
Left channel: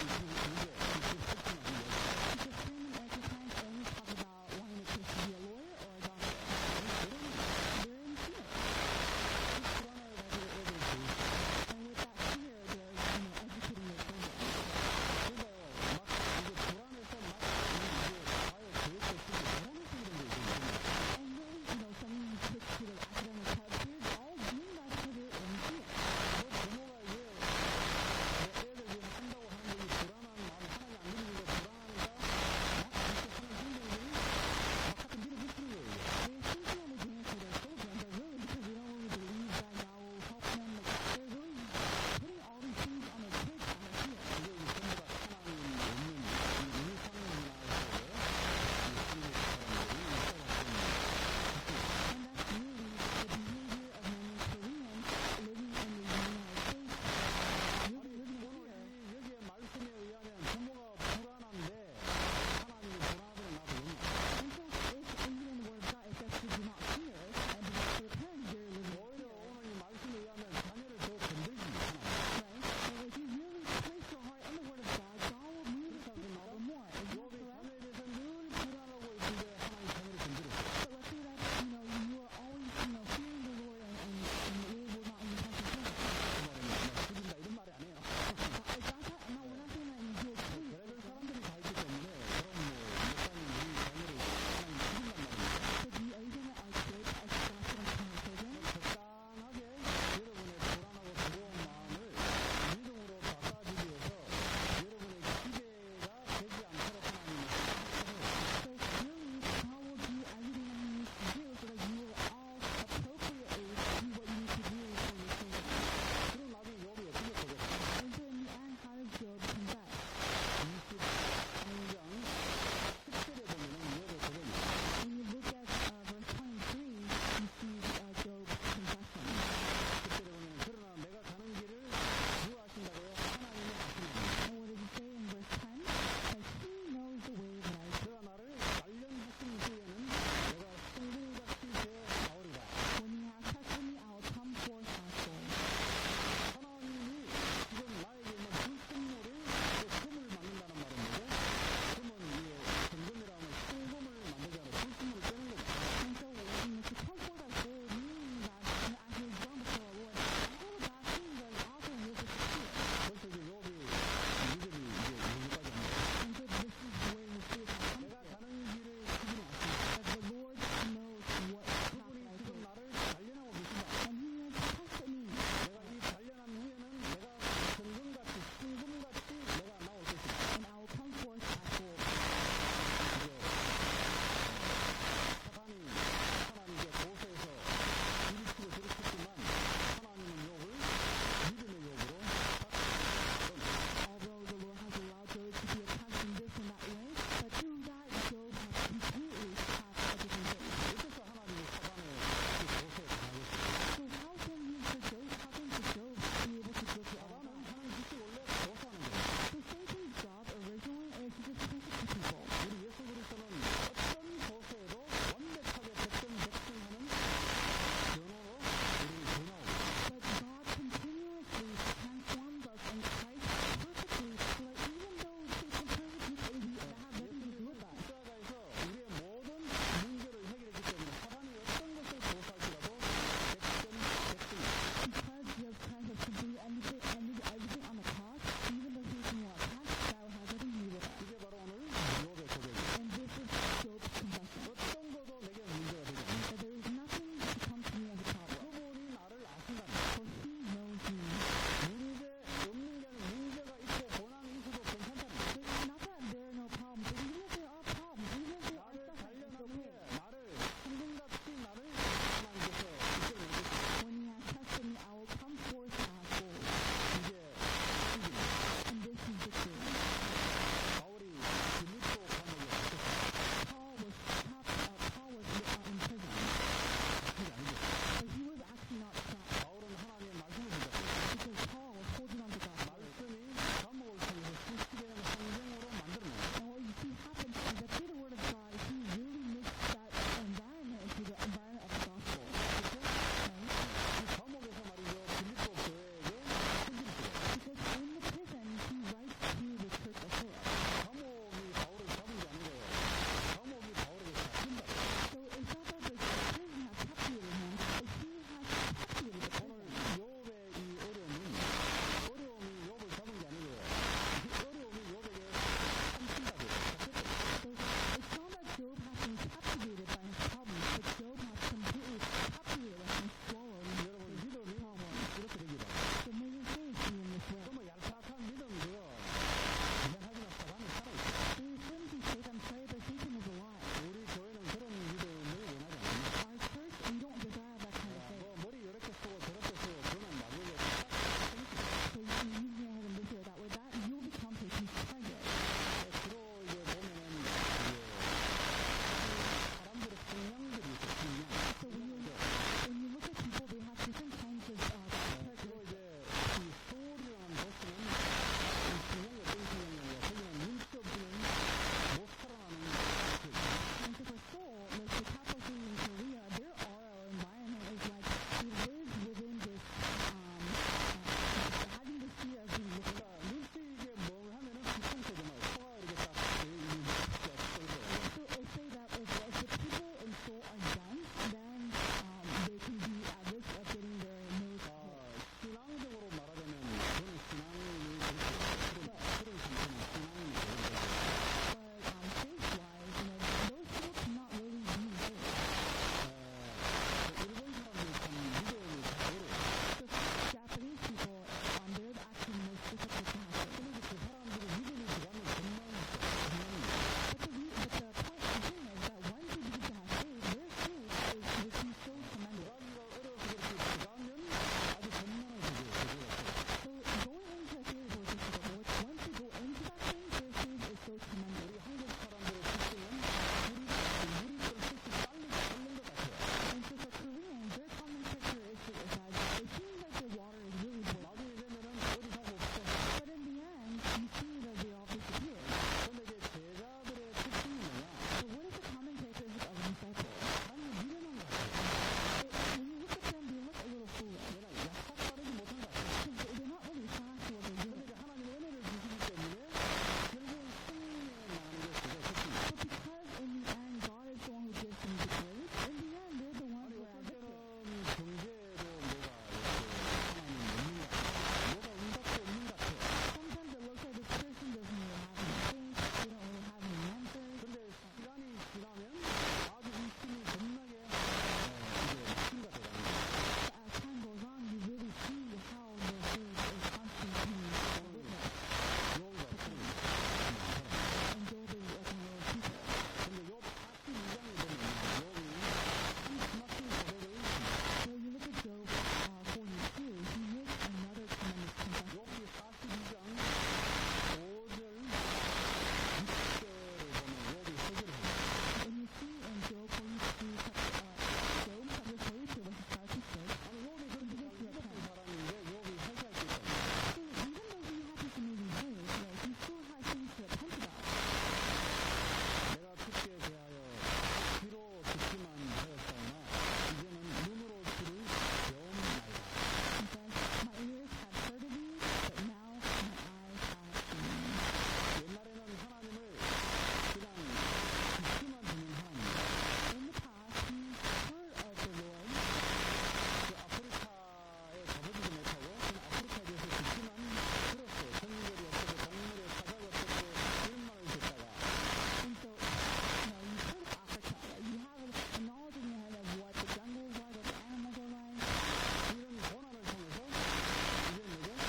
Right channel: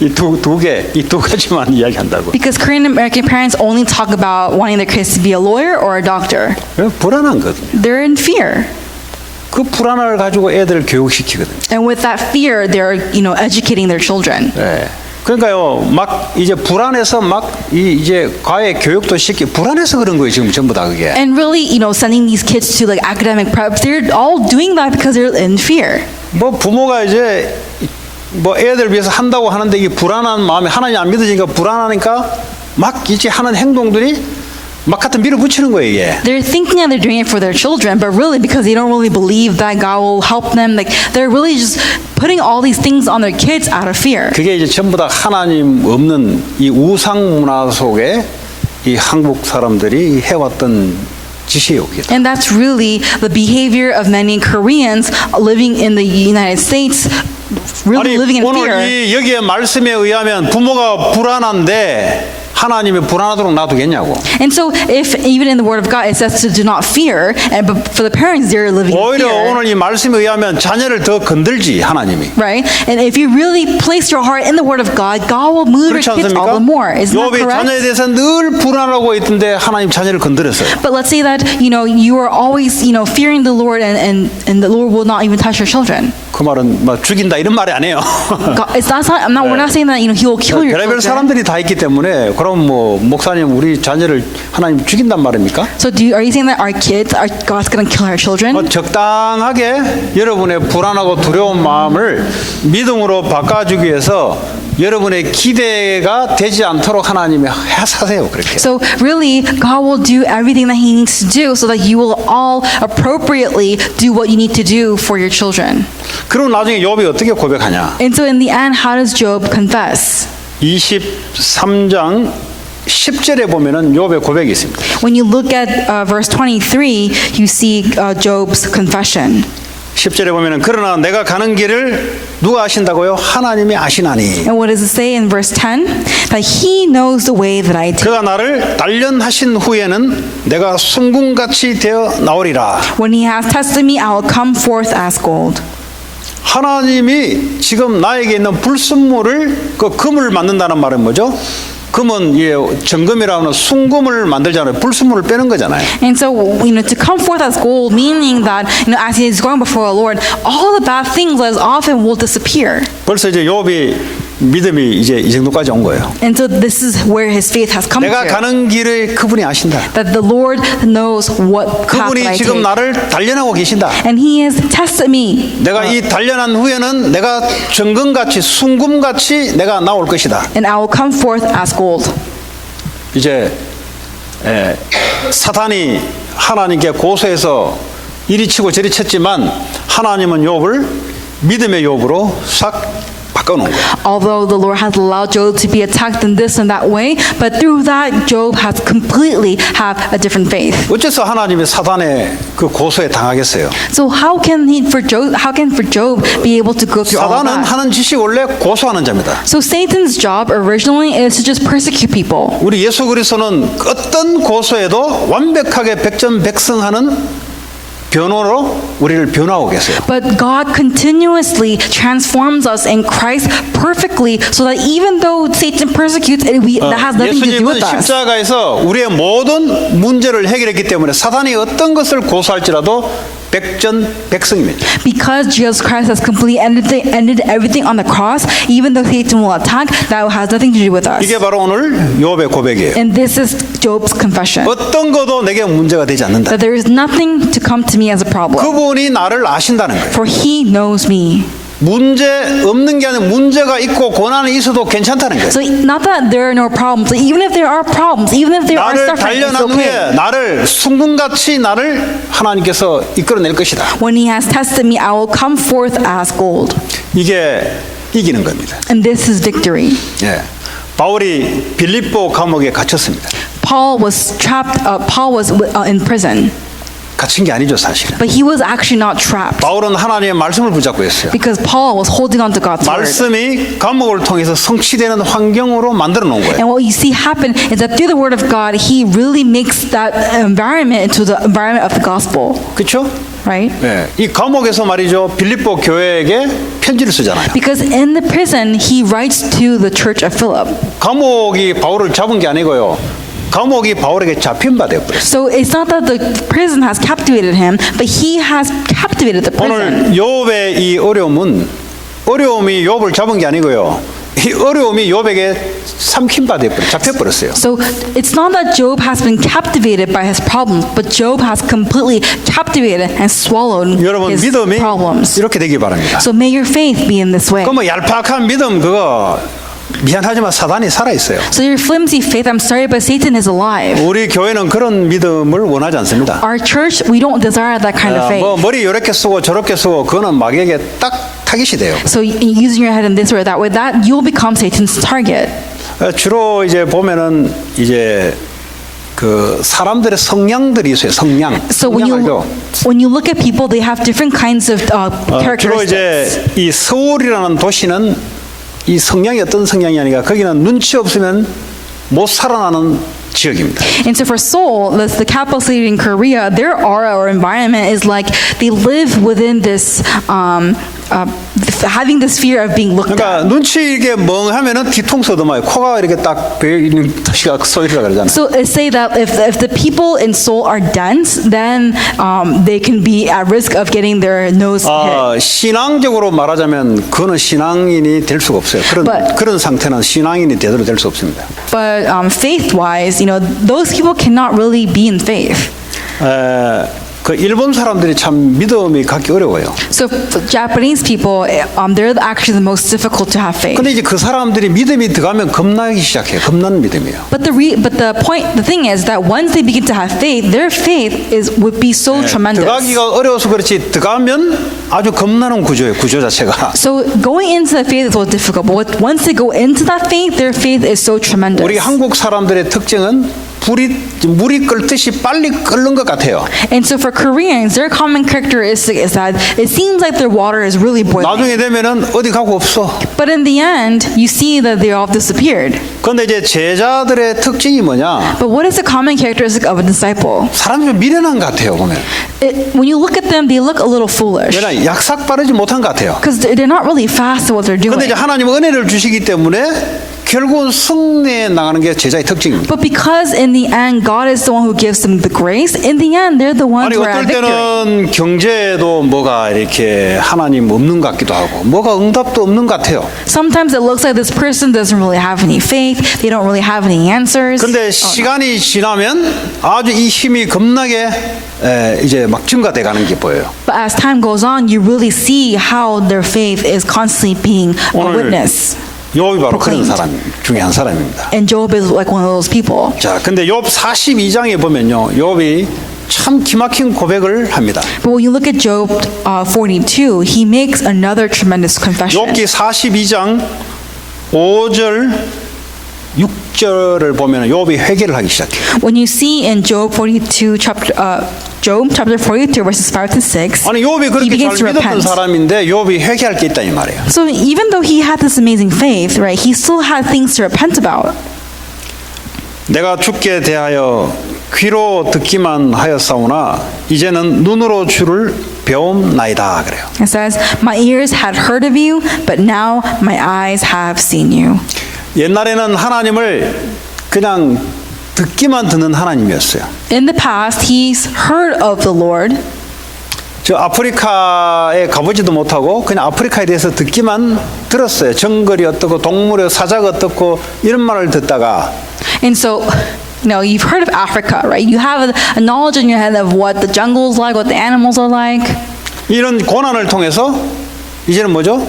이 두 가지만 이야기한다고. Because Korean American parents only talk about wanting their kids to be a lawyer or a doctor. 불안한 거든. They're in fear. 그 불안을 가지고 애들을 교육시키거든. And with that fear, they're educating their children. 네. 그러니까요, 막 이제 불안해서 막 이제 과외 교육도 불안해서 그런 거예요 지금 전부 다 그게. And really, sending these kids to like academic prep, they're all doing that because they're in fear. 뭐 부모가 이제 뭐 애들 위해서 한다고 하는데 이게 불안한 마음이 하나님 안 믿어지니까 불안하니까 막 이제 하는 행동들이 막 갖다 밀어붙이는 거예요 이게. They're thinking that they're doing it for their children, but really because they don't really believe that God will help them, like they're really just putting all these things on their kids out of fear. 그게 이제 전부 다 하나님 없는 이 우상 문화 속에 이 한국 사람들이 해왔던 짓이에요. And that's really the behavior of many Koreans living in the United States, really 아니 living in 오늘 fear. 이 여기에 말씀에 의하면 부모가 불안한데 하나님이 불안하도록 놔두겠냐고. And so, if even in the Word of God it says to do not fear, but for the parents they're living in 오히려 fear, 오늘 이 말씀에 의하면 자녀를 더 건들지 하나님이. right? And if you really place your heart in the Word of God, God will move your 그렇지 kids all 않습니까? the more. Isn't that 욥이 자녀에 correct? 대해서 늘 불안하고 있던데 하나님 자녀를 건드렸어요. But let's say that you are always fearing the Lord, and the Lord will not even touch your children. 그 말은 뭐 죽인다 이런 말이 아니에요. God, we're not saying that He will kill your 별의별 children. 사람들이 다 있기 때문에 그런 그럼 뭐 목사님 우리 자녀를 하나님 죽인단 말입니까? So are you saying that our kids, God's going to kill our children? 적당하게 여러분의 불안하고 두려운 마음을 믿음으로 바꿔주기 위해서 여러분의 기대가 되지 않도록 하나님이 하사세요 그렇게. So really, God will do everything that He needs to do so that you will all appropriately do what you need to do for your children. 그리고 나중에 욥이 어떻게 고백하냐? And so in the end, how does Job confess? 23장 10절에 보면은 욥의 고백이 있습니다. When you look at verse 23, you see Job's confession. 10절에 보면은 그러나 내가 가는 길을 누가 아신다고요? 하나님이 아시나니. And what does it say in verse 10? That He knows the way that I take. 그가 나를 단련하신 후에는 내가 순금같이 되어 나오리라. When He has tested me, I will come forth as gold. 하나님이 지금 나에게 있는 불순물을 그 금을 만든다는 말은 뭐죠? 금은 정금이라는 순금을 만들잖아요. 불순물을 빼는 거잖아요. And so, to come forth as gold, meaning that, as he is going before the Lord, all the bad things that is often will disappear. 벌써 이제 욥이 믿음이 이제 이 정도까지 온 거예요. And so this is where his faith has come 내가 to. 가는 길을 그분이 아신다. That the Lord knows what path that 그분이 I 지금 take. 나를 단련하고 계신다. And He has tested me. 내가 이 단련한 후에는 내가 정금같이 순금같이 내가 나올 것이다. And I will come forth as gold. 이제 사탄이 하나님께 고소해서 이리 치고 저리 쳤지만 하나님은 욥을 믿음의 욥으로 싹 바꿔놓은 거예요. Although the Lord has allowed Job to be attacked in this and that way, but through that, Job has completely have a different faith. 어째서 하나님이 사탄의 그 고소에 당하겠어요? So how can Job be able to go through all of 사탄은 that? 하는 짓이 원래 고소하는 자입니다. So Satan's job originally is to just persecute people. 우리 예수 그리스도는 어떤 고소에도 완벽하게 백전백승하는 변호로 우리를 변화하고 계세요. But God continuously transforms us in Christ perfectly so that even though Satan persecutes, that has nothing to do 예수님은 with us. 십자가에서 우리의 모든 문제를 해결했기 때문에 사탄이 어떤 것을 고소할지라도 백전백승입니다. Because Jesus Christ has completely ended everything on the cross, even though Satan will attack, that has nothing to do with us. 이게 바로 오늘 욥의 고백이에요. And this is Job's confession. 어떤 것도 내게 문제가 되지 않는다. That there is nothing to come to me as a problem. 그분이 나를 아신다는 거예요. For He knows me. 문제 없는 게 아니라 문제가 있고 고난이 있어도 괜찮다는 거예요. So not that there are no problems, but even if there are problems, even if there are 나를 suffering, it's 단련한 okay. 후에 나를 순금같이 나를 하나님께서 이끌어낼 것이다. When He has tested me, I will come forth as gold. 이게 이기는 겁니다. And this is victory. 예. 바울이 빌립보 감옥에 갇혔습니다. Paul was trapped. Paul was in prison, 갇힌 게 아니죠 사실은. but he was actually not trapped 바울은 하나님의 말씀을 붙잡고 있어요. because Paul was holding on to God's word. 말씀이 감옥을 통해서 성취되는 환경으로 만들어 놓은 거예요. And what you see happen is that through the word of God, He really makes that environment into the environment of the gospel, 그렇죠? right? 예. 이 감옥에서 말이죠 빌립보 교회에게 편지를 쓰잖아요. Because in the prison, he writes to the church of Philip. 감옥이 바울을 잡은 게 아니고요. 감옥이 바울에게 잡힌 바 되어버렸어요. So it's not that the prison has captivated him, but he has captivated the prison. 오늘 욥의 이 어려움이 욥을 잡은 게 아니고요. 이 어려움이 욥에게 삼킨 바 되어버렸어요. 잡혀버렸어요. So it's not that Job has been captivated by his problems, but Job has completely captivated and swallowed 여러분 his 믿음이 problems. 이렇게 되기 바랍니다. So may your faith be in this way. 그 뭐 얄팍한 믿음 그거 미안하지만 사단이 살아 있어요. So your flimsy faith, I'm sorry, but Satan is alive. 우리 교회는 그런 믿음을 원하지 않습니다. Our church, we don't desire that kind of faith. 뭐 머리 이렇게 쓰고 저렇게 쓰고 그거는 마귀에게 딱 타깃이 돼요. So using your head in this way or that way, that you'll become Satan's target. 주로 이제 보면은 이제 그 사람들의 성향들이 있어요. 성향. So when you look at people, they have different kinds of 주로 이제 characteristics. 이 서울이라는 도시는 이 성향이 어떤 성향이 아니라 거기는 눈치 없으면 못 살아나는 지역입니다. And so for Seoul, the capital city in Korea, their aura or environment is like they live within this, having this fear of being looked 그러니까 at. 눈치 이렇게 멍하면은 뒤통수 얻어맞아요. 코가 이렇게 딱 베어 있는 도시가 소이라 그러잖아요. So it say that if the people in Seoul are dense, then they can be at risk of getting their nose hit. 신앙적으로 말하자면 그거는 신앙인이 될 수가 없어요. 그런 상태는 신앙인이 제대로 될 수 없습니다. But faith-wise, those people cannot really be in faith. 그 일본 사람들이 참 믿음이 갖기 어려워요. So for Japanese people, they're actually the most difficult to have faith. 근데 이제 그 사람들이 믿음이 들어가면 겁나기 시작해요. 겁나는 믿음이에요. But the thing is that once they begin to have faith, their faith would be so tremendous. 들어가기가 어려워서 그렇지 들어가면 아주 겁나는 구조예요. 구조 자체가. So going into the faith is a little difficult, but once they go into that faith, their faith is so tremendous. 우리 한국 사람들의 특징은 물이 끓듯이 빨리 끓는 것 같아요. And so for Koreans, their common characteristic is that it seems like their water is really boiling. 나중에 되면은 어디 가고 없어. But in the end, you see that they all disappeared. 그런데 이제 제자들의 특징이 뭐냐? But what is the common characteristic of a disciple? 사람이 좀 미련한 것 같아요. 보면. When you look at them, they look a little foolish. 왜냐 약삭 빠르지 못한 것 같아요. Because they're not really fast at what they're doing. 그런데 이제 하나님 은혜를 주시기 때문에 결국은 승리에 나가는 게 제자의 특징입니다. But because in the end, God is the one who gives them the grace, in the end, they're the ones 아니 who are 어떨 at victory. 때는 경제에도 뭐가 이렇게 하나님 없는 것 같기도 하고 뭐가 응답도 없는 것 같아요. Sometimes it looks like this person doesn't really have any faith. They don't really have any answers. 근데 시간이 지나면 아주 이 힘이 겁나게 이제 막 증가돼 가는 게 보여요. But as time goes on, you really see how their faith is constantly being a 오늘 witness. 욥이 바로 그런 proclaimed. 사람 중에 한 사람입니다. And Job is like one of those people. 자, 근데 욥 42장에 보면요, 욥이 참 기막힌 고백을 합니다. But when you look at Job 42, he makes another tremendous confession. 욥기 42장 5절 6절을 보면 욥이 회개를 하기 시작해요. When you see in Job 42 Job chapter 42 verses 5 to 6, 아니 욥이 he 그렇게 begins 잘 to 믿었던 repent. 사람인데 욥이 회개할 게 있다 이 말이에요. So even though he had this amazing faith, right, he still had things to repent about. 내가 주께 대하여 귀로 듣기만 하였사오나 이제는 눈으로 주를 배움나이다 그래요. It says, "My ears had heard of you, but now my eyes have seen you." 옛날에는 하나님을 그냥 듣기만 듣는 하나님이었어요. In the past, he's heard of the Lord. 저 아프리카에 가보지도 못하고 그냥 아프리카에 대해서 듣기만 들었어요. 정글이 어떻고 동물의 사자가 어떻고 이런 말을 듣다가 And so, you've heard of Africa, right? You have a knowledge in your head of what the jungle is like, what the animals are like. 이런 고난을 통해서 이제는 뭐죠?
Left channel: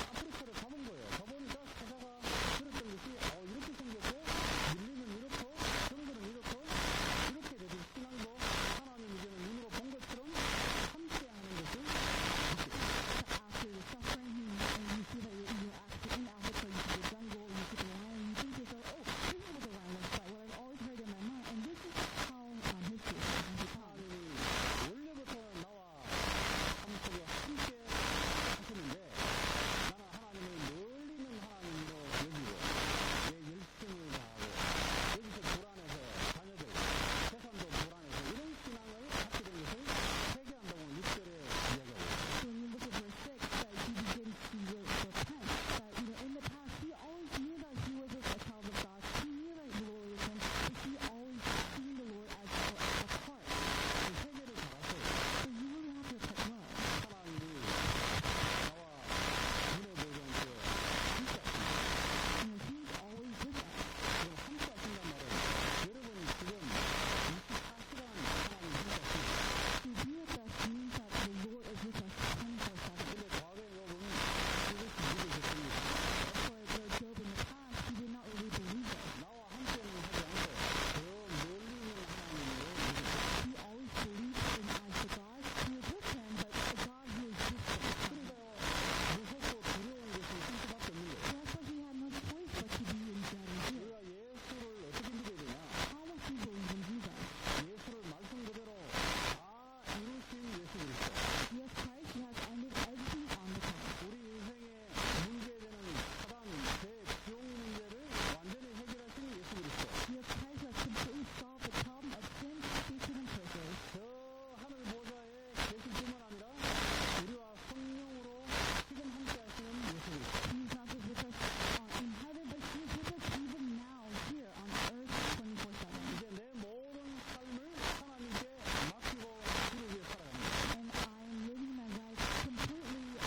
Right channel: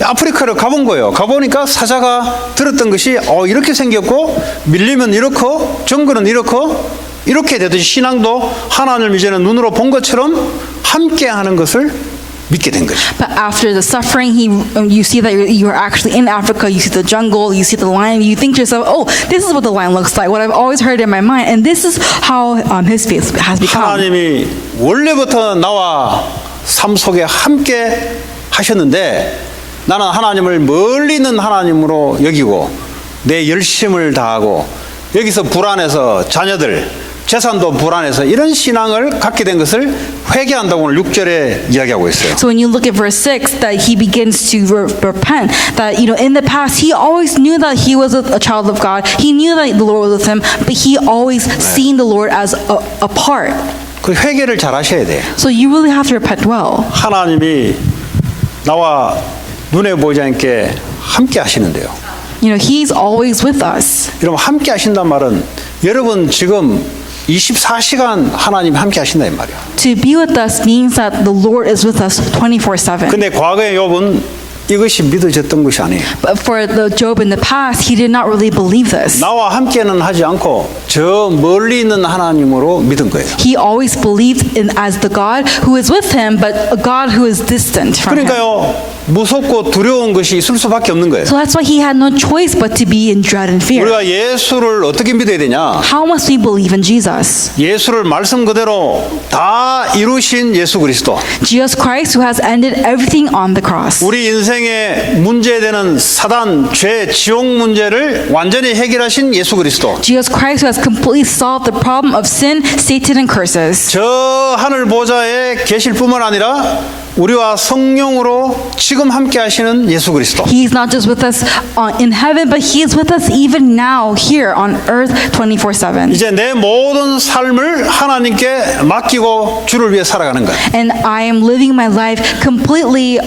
아프리카를 가본 거예요. 가보니까 사자가 들었던 것이 이렇게 생겼고 밀리면 이렇고 정글은 이렇게 되듯이 신앙도 하나님을 이제는 눈으로 본 것처럼 함께하는 것을 믿게 된 거죠. But after the suffering, you see that you're actually in Africa. You see the jungle. You see the lion. You think to yourself, "Oh, this is what the lion looks like. What I've always heard in my mind." And this is how his faith has become. 하나님이 원래부터 나와 삶 속에 함께 하셨는데 나는 하나님을 멀리 있는 하나님으로 여기고 내 열심을 다하고 여기서 불안해서 자녀들 재산도 불안해서 이런 신앙을 갖게 된 것을 회개한다고 오늘 6절에 이야기하고 있어요. So when you look at verse 6, that he begins to repent, that in the past he always knew that he was a child of God. He knew that the Lord was with him, but he always seen the Lord as a part. 그 회개를 잘 하셔야 돼요. So you really have to repent well. 하나님이 나와 눈에 보이지 않게 함께 하시는데요. He's always with us. 여러분 함께 하신단 말은 여러분 지금 24시간 하나님 함께 하신다 이 말이야. To be with us means that the Lord is with us 24/7. 근데 과거의 욥은 이것이 믿어졌던 것이 아니에요. But for the Job in the past, he did not really believe this. 나와 함께는 하지 않고 저 멀리 있는 하나님으로 믿은 거예요. He always believed in as the God who is with him, but a God who is distant from him. 그러니까요. 무섭고 두려운 것이 있을 수밖에 없는 거예요. So that's why he had no choice but to be in dread and fear. 우리가 예수를 어떻게 믿어야 되냐? How must we believe in Jesus? 예수를 말씀 그대로 다 이루신 예수 그리스도. Jesus Christ who has ended everything on the cross. 우리 인생 생명의 문제되는 사단, 죄, 지옥 문제를 완전히 해결하신 예수 그리스도. Jesus Christ, who has completely solved the problem of sin, Satan, and curses. 저 하늘 보좌에 계실 뿐만 아니라 우리와 성령으로 지금 함께 하시는 예수 그리스도. He is not just with us in heaven, but He is with us even now here on earth 24/7. 이제 내 모든 삶을 하나님께 맡기고 주를 위해 살아가는 거예요. And I am living my life completely,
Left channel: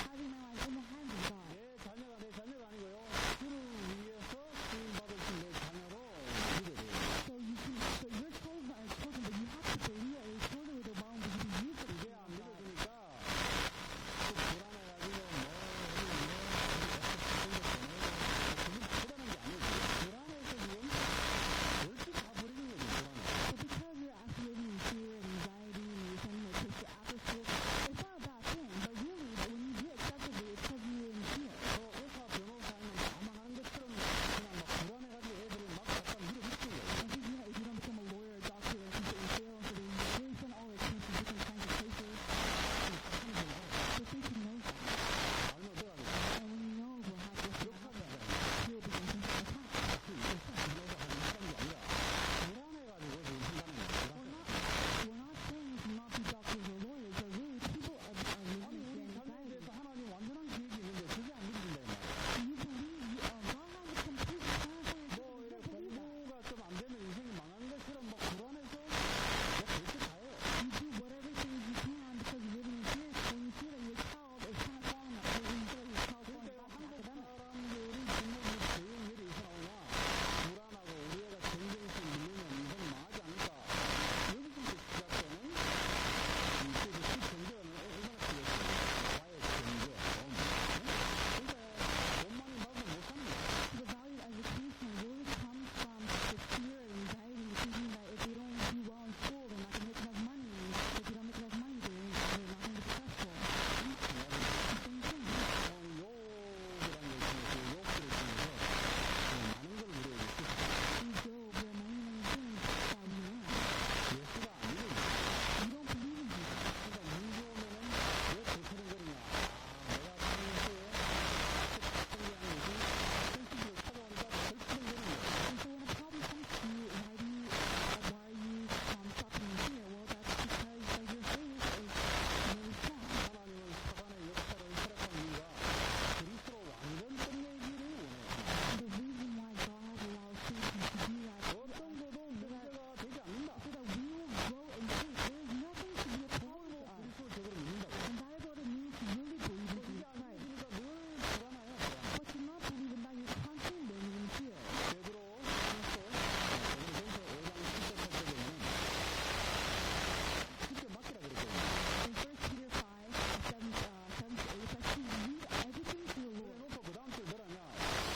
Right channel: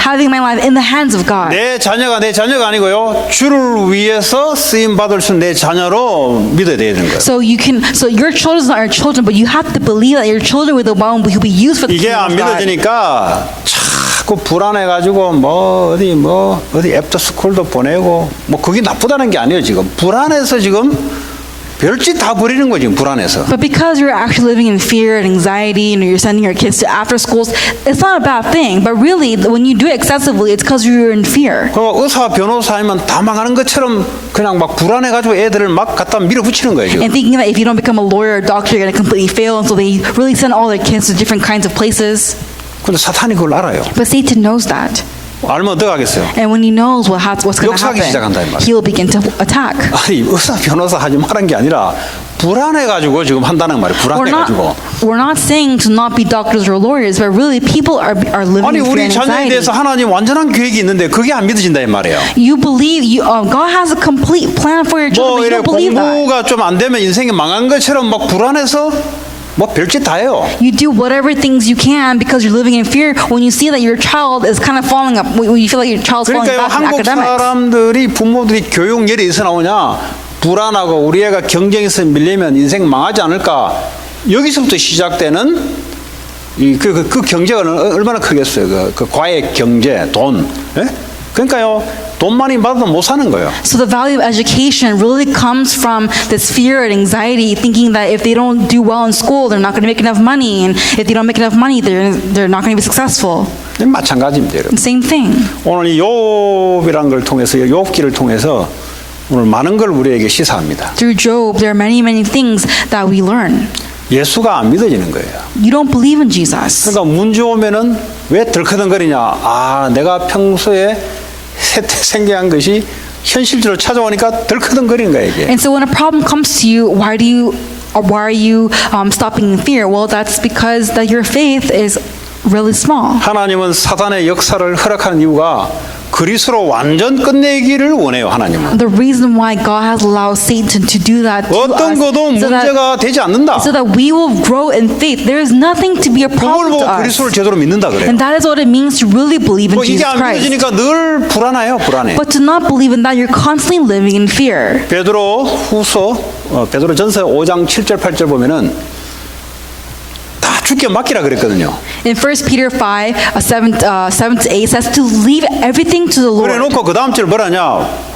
having my life in the hands of God. 내 자녀가 내 자녀가 아니고요. 주를 위해서 쓰임 받을 수 있는 내 자녀로 믿어야 되는 거예요. So your children are your children, but you have to believe that your children will the one who will be used for the 이게 kingdom 안 of God. 믿어지니까 자꾸 불안해가지고 어디 애프터스쿨도 보내고 그게 나쁘다는 게 아니에요. 지금 불안해서 지금 별짓 다 버리는 거지 불안해서. But because you're actually living in fear and anxiety, and you're sending your kids to after schools, it's not a bad thing. But really, when you do it excessively, it's because you're in fear. 그 의사 변호사이면 다 망하는 것처럼 그냥 막 불안해가지고 애들을 막 갖다 밀어붙이는 거예요. 지금. And thinking that if you don't become a lawyer or doctor, you're going to completely fail, and so they really send all their kids to different kinds of places. 근데 사탄이 그걸 알아요. But Satan knows that. 알면 어떡 하겠어요? And when he knows what's going to 역사하기 시작한다, 이 happen, 말이에요. he will begin to attack. 아니 의사 변호사 하지 말한 게 아니라 불안해가지고 지금 한다는 말이에요. 불안해가지고. We're not saying to not be doctors or lawyers, but really people are living 아니 in fear 우리 and 자녀에 anxiety. 대해서 하나님 완전한 계획이 있는데 그게 안 믿어진다 이 말이에요. You believe God has a complete plan for your children, but you 이래 don't believe that. 공부가 좀 안 되면 인생이 망한 것처럼 막 불안해서 별짓 다 해요. You do whatever things you can because you're living in fear when you see that your child is kind of falling up, when you feel like your child's falling 그러니까 back in 한국 academics. 사람들이 부모들이 교육열이 어디서 나오냐? 불안하고 우리 애가 경쟁에서 밀리면 인생 망하지 않을까? 여기서부터 시작되는 그 경제가 얼마나 크겠어요? 그 과외 경제, 돈. 예? 그러니까요. 돈 많이 받아도 못 사는 거예요. So the value of education really comes from this fear and anxiety, thinking that if they don't do well in school, they're not going to make enough money, and if they don't make enough money, they're not going to be successful. 마찬가지입니다, 여러분. Same thing. 오늘 이 욥이라는 걸 통해서 욥기를 통해서 오늘 많은 걸 우리에게 시사합니다. Through Job, there are many things that we learn. 예수가 안 믿어지는 거예요. You don't believe in Jesus. 그러니까 문제 오면은 왜 덜커덩거리냐? 내가 평소에 생겨한 것이 현실적으로 찾아오니까 덜커덩거리는 거예요, 이게. And so when a problem comes to you, why are you stopping in fear? Well, that's because that your faith is really small. 하나님은 사단의 역사를 허락하는 이유가 그리스도로 완전 끝내기를 원해요, 하나님은. The reason why God has allowed Satan to do that to 어떤 us 것도 문제가 되지 않는다. so that we will grow in faith. There is nothing to be a 그걸 problem to 보고 us. 그리스도를 제대로 믿는다 그래요. And that is what it means to really believe in 이게 Jesus 안 Christ. 믿어지니까 늘 불안해요, 불안해. But to not believe in that, you're constantly living in fear. 베드로 후서, 베드로 전서 5장 7절 8절 보면은 다 주께 맡기라 그랬거든요. In 1 Peter 5, 7 to 8 says to leave everything to the 그래 Lord. 놓고 그 다음 절 뭐라냐?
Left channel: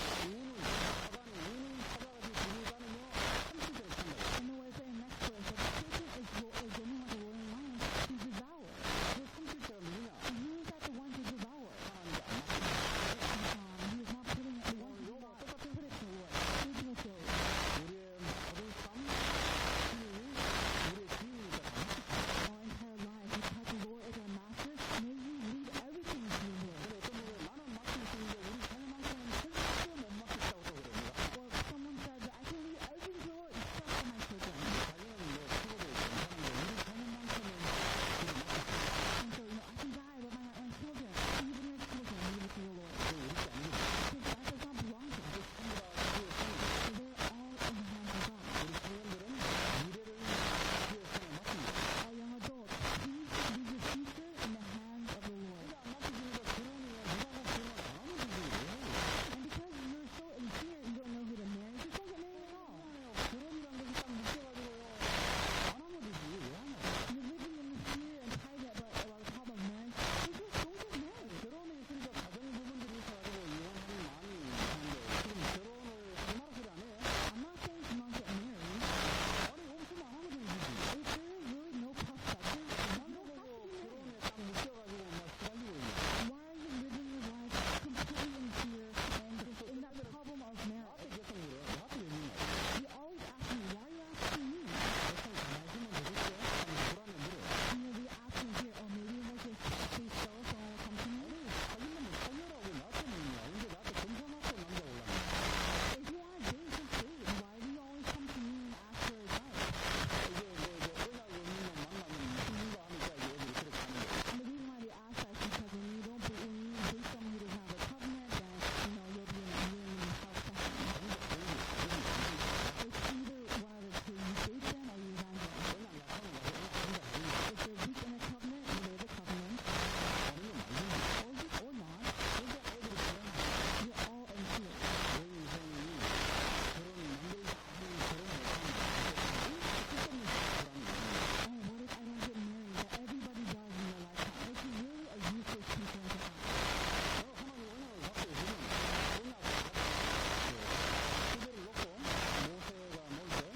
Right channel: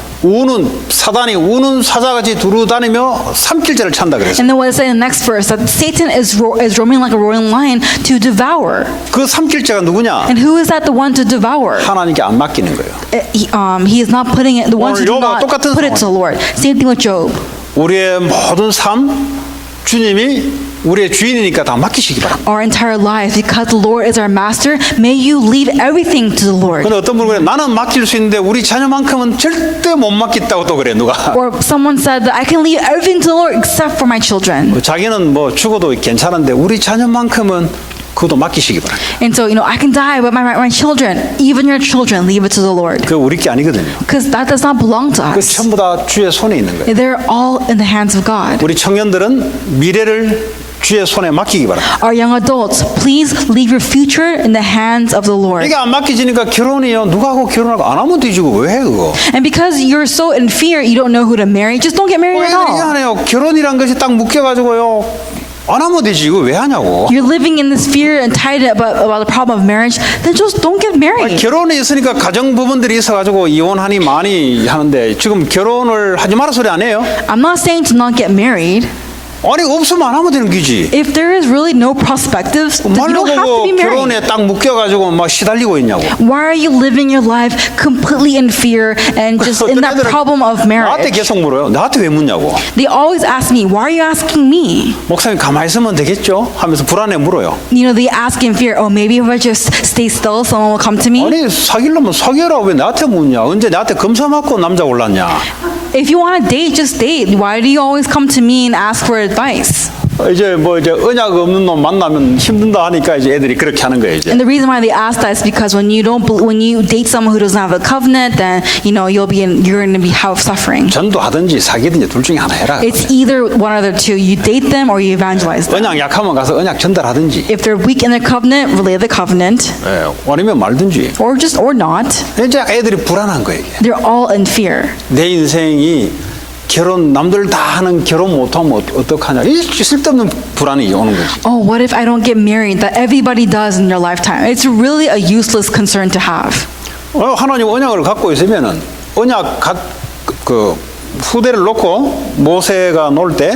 사단이 우는 사자같이 두루다니며 삼킬자를 찬다 그랬어요. And then what it says in the next verse, that Satan is roaming like a roaring lion to devour. 그 삼킬자가 누구냐? And who is that the one to devour? 하나님께 안 맡기는 거예요. He is not putting it, the ones who do 오늘 not 욥과 똑같은 put it to the Lord. Same thing with Job. 우리의 모든 삶 주님이 우리의 주인이니까 다 맡기시기 바랍니다. Our entire lives, because the Lord is our master, may you leave everything to the Lord. 근데 어떤 분은 그래, 나는 맡길 수 있는데 우리 자녀만큼은 절대 못 맡겠다고 또 그래 누가. Or someone said that I can leave everything to the Lord except for my children. 자기는 죽어도 괜찮은데 우리 자녀만큼은 그것도 맡기시기 바랍니다. And so, I can die, but my children, even your children, leave it to the Lord. 그 우리 게 아니거든요. Because that does not belong to 그 us. 전부 다 주의 손에 있는 거예요. They're all in the hands of God. 우리 청년들은 미래를 주의 손에 맡기기 바랍니다. Our young adults, please leave your future in the hands of the Lord. 이게 안 맡기지니까 결혼이요. 누가 하고 결혼하고 안 하면 되지고 왜 해 그거? And because you're so in fear, you don't know who to marry, just don't get married at all. 이상하네요. 결혼이란 것이 딱 묶여가지고요. 안 하면 되지 이거 왜 하냐고. You're living in this fear and tied about the problem of marriage, then just don't get married. 결혼이 있으니까 가정 부분들이 있어가지고 이혼하니 많이 하는데 지금 결혼을 하지 마라 소리 안 해요? I'm not saying to not get married. 아니 없으면 안 하면 되는 거지. If there is really no perspectives, then you 말로 don't have to be 보고 married. 결혼에 딱 묶여가지고 막 시달리고 있냐고. Why are you living your life completely in fear and just in that 애들은 problem of 나한테 marriage? 계속 물어요. 나한테 왜 묻냐고. They always ask me, why are you asking me? 목사님 가만히 있으면 되겠죠? 하면서 불안해 물어요. You know, they ask in fear, oh, maybe if I just stay still, someone will come to me. 아니 사귀려면 사귀어라 왜 나한테 묻냐? 언제 나한테 검사 맞고 남자 올랐냐? If you want to date, just date. Why do you always come to me and ask for advice? 이제 언약 없는 놈 만나면 힘든다 하니까 이제 애들이 그렇게 하는 거예요. 이제. And the reason why they ask that is because when you date someone who doesn't have a covenant, then you're going to be have suffering. 전도하든지 사귀든지 둘 중에 하나 해라. It's either one of the two. You date them or you evangelize them. 언약 약하면 가서 언약 전달하든지, If they're weak in their covenant, relay the covenant, 예, 아니면 말든지. or not. 이제 애들이 불안한 거예요. 이게. They're all in fear. 내 인생이 결혼 남들 다 하는 결혼 못하면 어떡하냐? 이 쓸데없는 불안이 오는 거지. Oh, what if I don't get married that everybody does in their lifetime? It's really a useless concern to have. 하나님 언약을 갖고 있으면은 언약 그 후대를 놓고 모세가 놀 때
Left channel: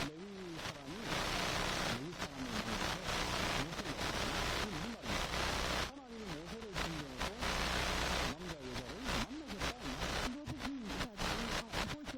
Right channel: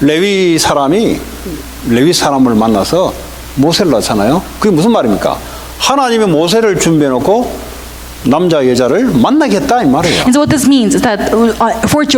레위 사람을 만나서 모세를 낳잖아요. 그게 무슨 말입니까? 하나님이 모세를 준비해 놓고 남자 여자를 만나겠다 이 말이에요. And so what this means is that for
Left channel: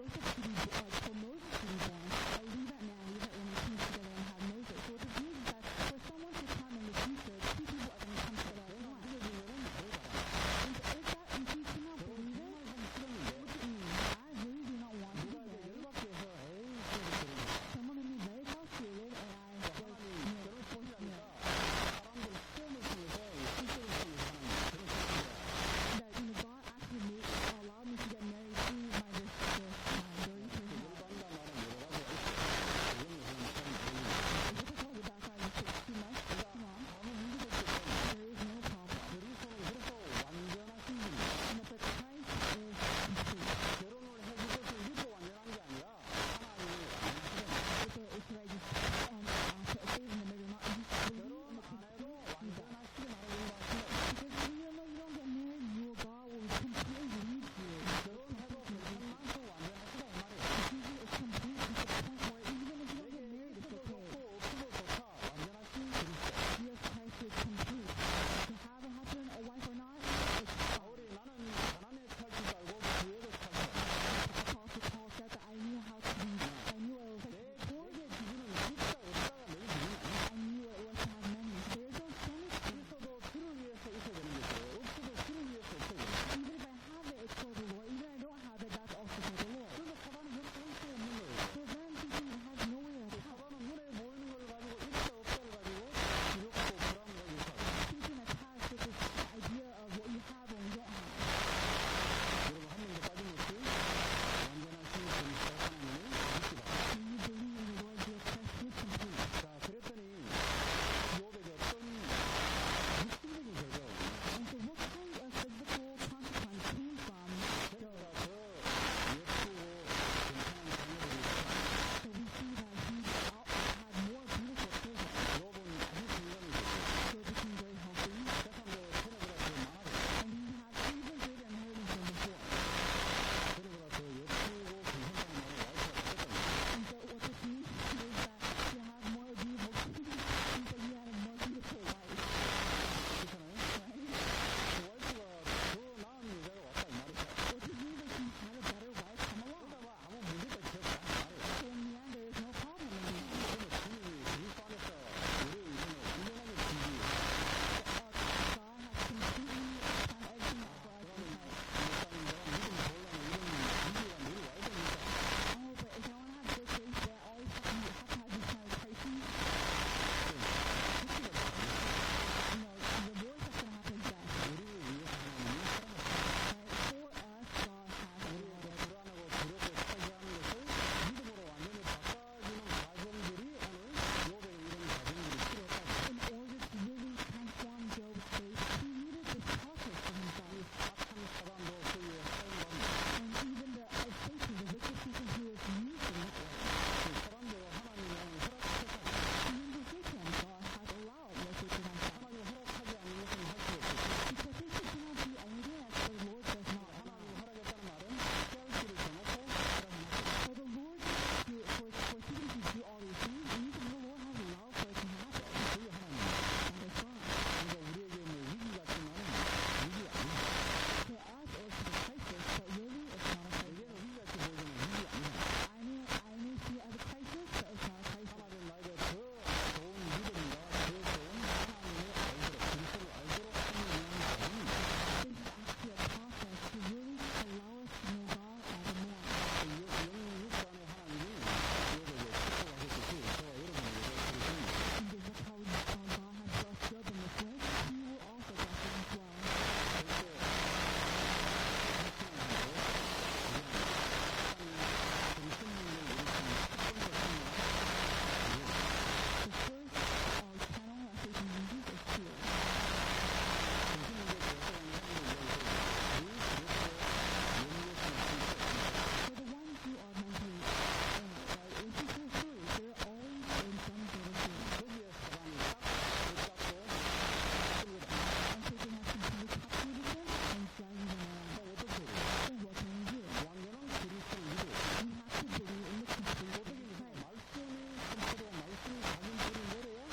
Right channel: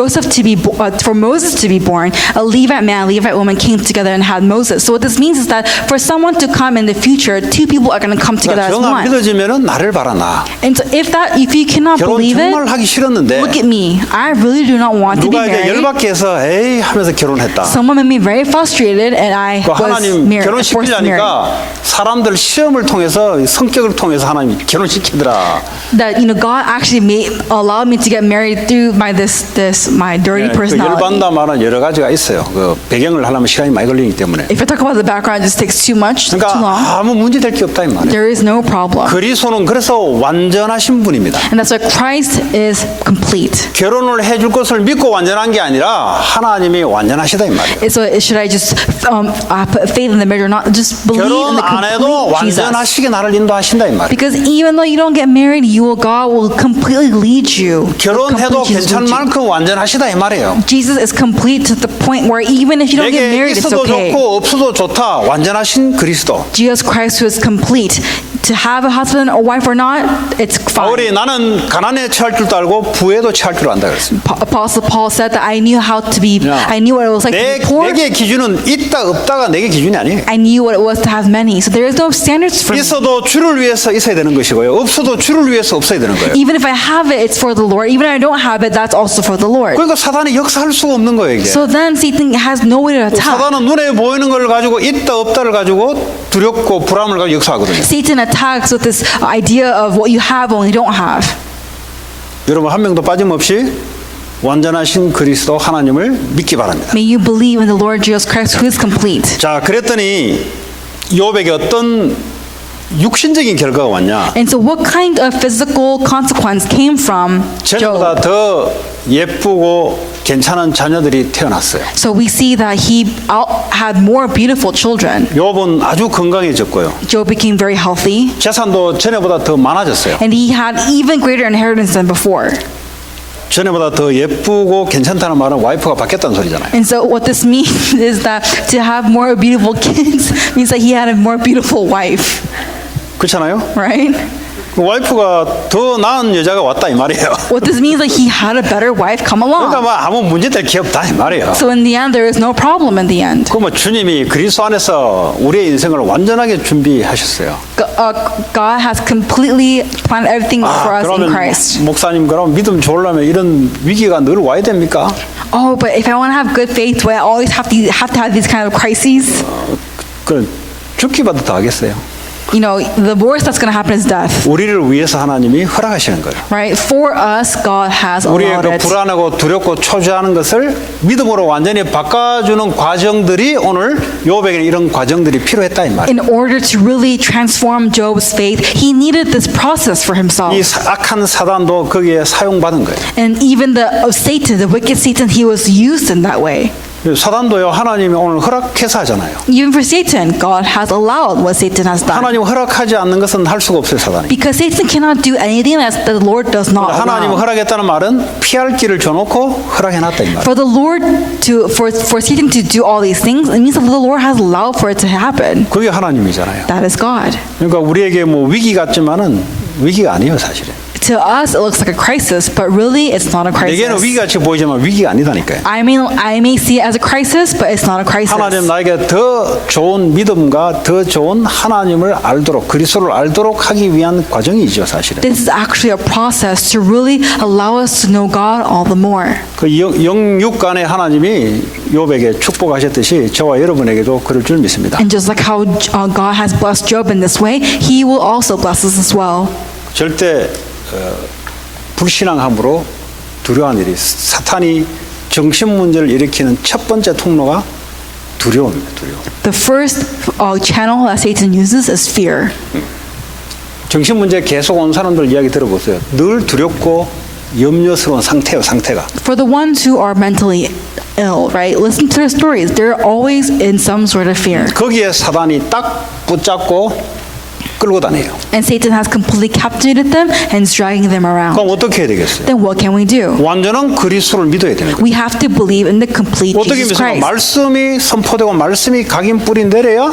Moses to be born, a Levite man, a Levite woman came together and had Moses. So what this means is that for someone to come in the future, two people are going to come together as 정안 one. 믿어지면은 나를 봐라 나. And so if you cannot 결혼 believe 정말 it, 하기 싫었는데 look at me. I really do not want to be 누가 이제 married. 열받게 해서 에이 하면서 결혼했다. Someone made me very frustrated, and I 그 was 하나님 forced to marry. 결혼시키려니까 사람들 시험을 통해서 성격을 통해서 하나님 결혼시키더라. That God actually allowed me to get married through my dirty 그 personality. 열받다 말은 여러 가지가 있어요. 그 배경을 하려면 시간이 많이 걸리기 때문에. If I talk about the background, it just takes too long. 그러니까 아무 문제 될 게 없다 이 말이에요. There is no problem. 그리스도는 그래서 완전하신 분입니다. And that's why Christ is complete. 결혼을 해줄 것을 믿고 완전한 게 아니라 하나님이 완전하시다 이 말이에요. So should I just put faith in the marriage or not? Just believe in 결혼 the 안 해도 complete Jesus. 완전하시게 나를 인도하신다 이 말이에요. Because even though you don't get married, God will completely lead you. 결혼해도 Complete Jesus 괜찮을 will lead you. 만큼 완전하시다 이 말이에요. Jesus is complete to the point where even if you don't get 내게 married, it's 있어도 okay. 좋고 없어도 좋다. 완전하신 그리스도. Jesus Christ who is complete. To have a husband or wife or not, it's 바울이 fine. 나는 가난에 처할 줄도 알고 부에도 처할 줄 안다 그랬습니다. Apostle Paul said that I knew how to be, Yeah. I knew what it was like to be poor. 내게 기준은 있다 없다가 내게 기준이 아니에요. I knew what it was to have many. So there is no standards for me. 있어도 주를 위해서 있어야 되는 것이고요. 없어도 주를 위해서 없어야 되는 거예요. Even if I have it, it's for the Lord. Even if I don't have it, that's also for the Lord. 그러니까 사단이 역사할 수가 없는 거예요. 이게. So then Satan has no way to attack. 사단은 눈에 보이는 걸 가지고 있다 없다를 가지고 두렵고 불안을 가지고 역사하거든요. Satan attacks with this idea of what you have and what you don't have. 여러분 한 명도 빠짐없이 완전하신 그리스도 하나님을 믿기 바랍니다. May you believe in the Lord Jesus Christ who is complete. 자, 그랬더니 욥에게 어떤 육신적인 결과가 왔냐? And so what kind of physical consequence came from 전보다 Job? 더 예쁘고 괜찮은 자녀들이 태어났어요. So we see that he had more beautiful children. 욥은 아주 건강해졌고요. Job became very healthy, 재산도 전에보다 더 많아졌어요. and he had even greater inheritance than before. 전에보다 더 예쁘고 괜찮다는 말은 와이프가 바뀌었다는 소리잖아요. And so what this means is that to have more beautiful kids means that he had a more beautiful wife, 그렇잖아요? right? 그 와이프가 더 나은 여자가 왔다 이 말이에요. What this means is that he had a better wife come 그러니까 along. 뭐 아무 문제 될 게 없다 이 말이에요. So in the end, there is no problem in the end. 그 뭐 주님이 그리스도 안에서 우리의 인생을 완전하게 준비하셨어요. God has completely planned everything for us in 그러면 Christ. 목사님 그럼 믿음 좋으려면 이런 위기가 늘 와야 됩니까? Oh, but if I want to have good faith, do I always have to have these kind of crises? 그 죽기라도 더 하겠어요. You know, the worst that's going to happen is death, 우리를 위해서 하나님이 허락하시는 거예요. right? For us, God has 우리의 allowed 그 it. 불안하고 두렵고 초조하는 것을 믿음으로 완전히 바꿔주는 과정들이 오늘 욥에게는 이런 과정들이 필요했다 이 말이에요. In order to really transform Job's faith, he needed this process for himself. 이 악한 사단도 거기에 사용받은 거예요. And even the Satan, the wicked Satan, he was used in that way. 사단도요, 하나님이 오늘 허락해서 하잖아요. Even for Satan, God has allowed what Satan has done. 하나님 허락하지 않는 것은 할 수가 없어요, 사단이. Because Satan cannot do anything that the Lord does not 하나님 allow. 허락했다는 말은 피할 길을 줘놓고 허락해놨다 이 말. For the Lord for Satan to do all these things, it means that the Lord has allowed for it to happen. 그게 하나님이잖아요. That is God. 그러니까 우리에게 뭐 위기 같지만은 위기가 아니에요, 사실은. To us, it looks like a crisis, but really, it's not a 내게는 crisis. 위기같이 보이지만 위기가 아니다니까요. I may see it as a crisis, but it's not a crisis. 하나님 나에게 더 좋은 믿음과 더 좋은 하나님을 알도록 그리스도를 알도록 하기 위한 과정이죠, 사실은. This is actually a process to really allow us to know God all the more. 그 영육 간의 하나님이 욥에게 축복하셨듯이 저와 여러분에게도 그럴 줄 믿습니다. And just like how God has blessed Job in this way, He will also bless us as well. 절대 불신앙함으로 두려워하는 일이 사탄이 정신 문제를 일으키는 첫 번째 통로가 두려움입니다. 두려움. The first channel that Satan uses is fear. 정신 문제 계속 온 사람들 이야기 들어보세요. 늘 두렵고 염려스러운 상태예요, 상태가. For the ones who are mentally ill, right? Listen to their stories. They're always in some sort of fear. 거기에 사단이 딱 붙잡고 끌고 다녀요. And Satan has completely captivated them and is dragging them around. 그럼 어떻게 해야 되겠어요? Then what can we do? 완전한 그리스도를 믿어야 되는 거예요. We have to believe in the complete 어떻게 Jesus 믿습니까? Christ. 말씀이 선포되고 말씀이 각인 뿌리 내려야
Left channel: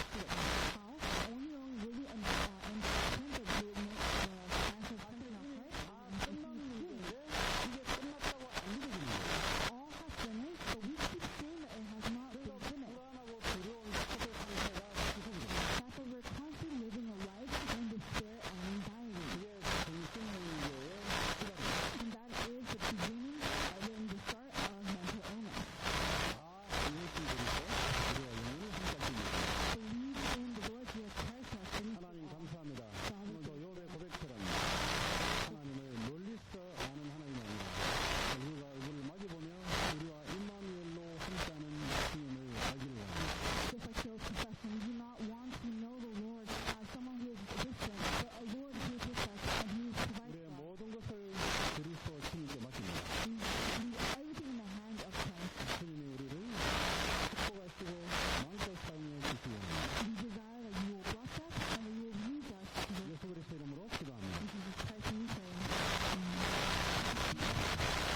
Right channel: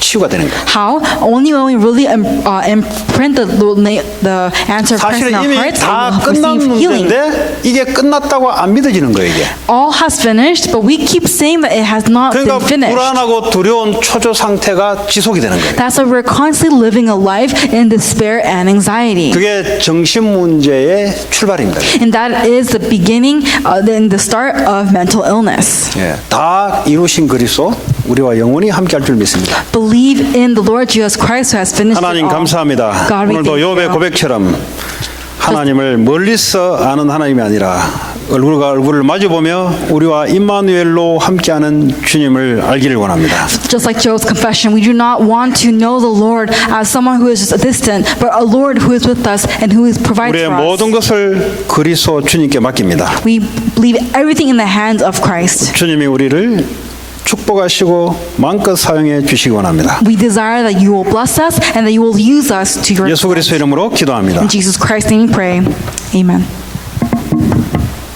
치유가 되는 거예요. How? Only when we really imprint the answer of Christ 사실은 in our 이미 hearts, 다 we will 끝난 receive healing. 문제인데 이게 끝났다고 안 믿어지는 거예요, 이게. All has finished, but we keep saying that it has not been 그러니까 finished. 불안하고 두려운 초조 상태가 지속이 되는 거예요. That's why we're constantly living a life in despair and anxiety. 그게 정신 문제의 출발입니다. And that is the beginning, the start of mental illness. 예, 다 이루신 그리스도 우리와 영원히 함께할 줄 믿습니다. Believe in the Lord Jesus Christ who has finished it 하나님 all. 감사합니다. God, we 오늘도 thank 욥의 you. 고백처럼 하나님을 멀리서 아는 하나님이 아니라 얼굴과 얼굴을 마주보며 우리와 임마누엘로 함께하는 주님을 알기를 원합니다. Just like Job's confession, we do not want to know the Lord as someone who is just distant, but a Lord who is with us and who provides 우리의 for us. 모든 것을 그리스도 주님께 맡깁니다. We believe everything in the hands of Christ. 주님이 우리를 축복하시고 마음껏 사용해 주시기 원합니다. We desire that you will bless us and that you will use us to your 예수 그리스도 이름으로 기도합니다. In Jesus Christ's name we pray. Amen.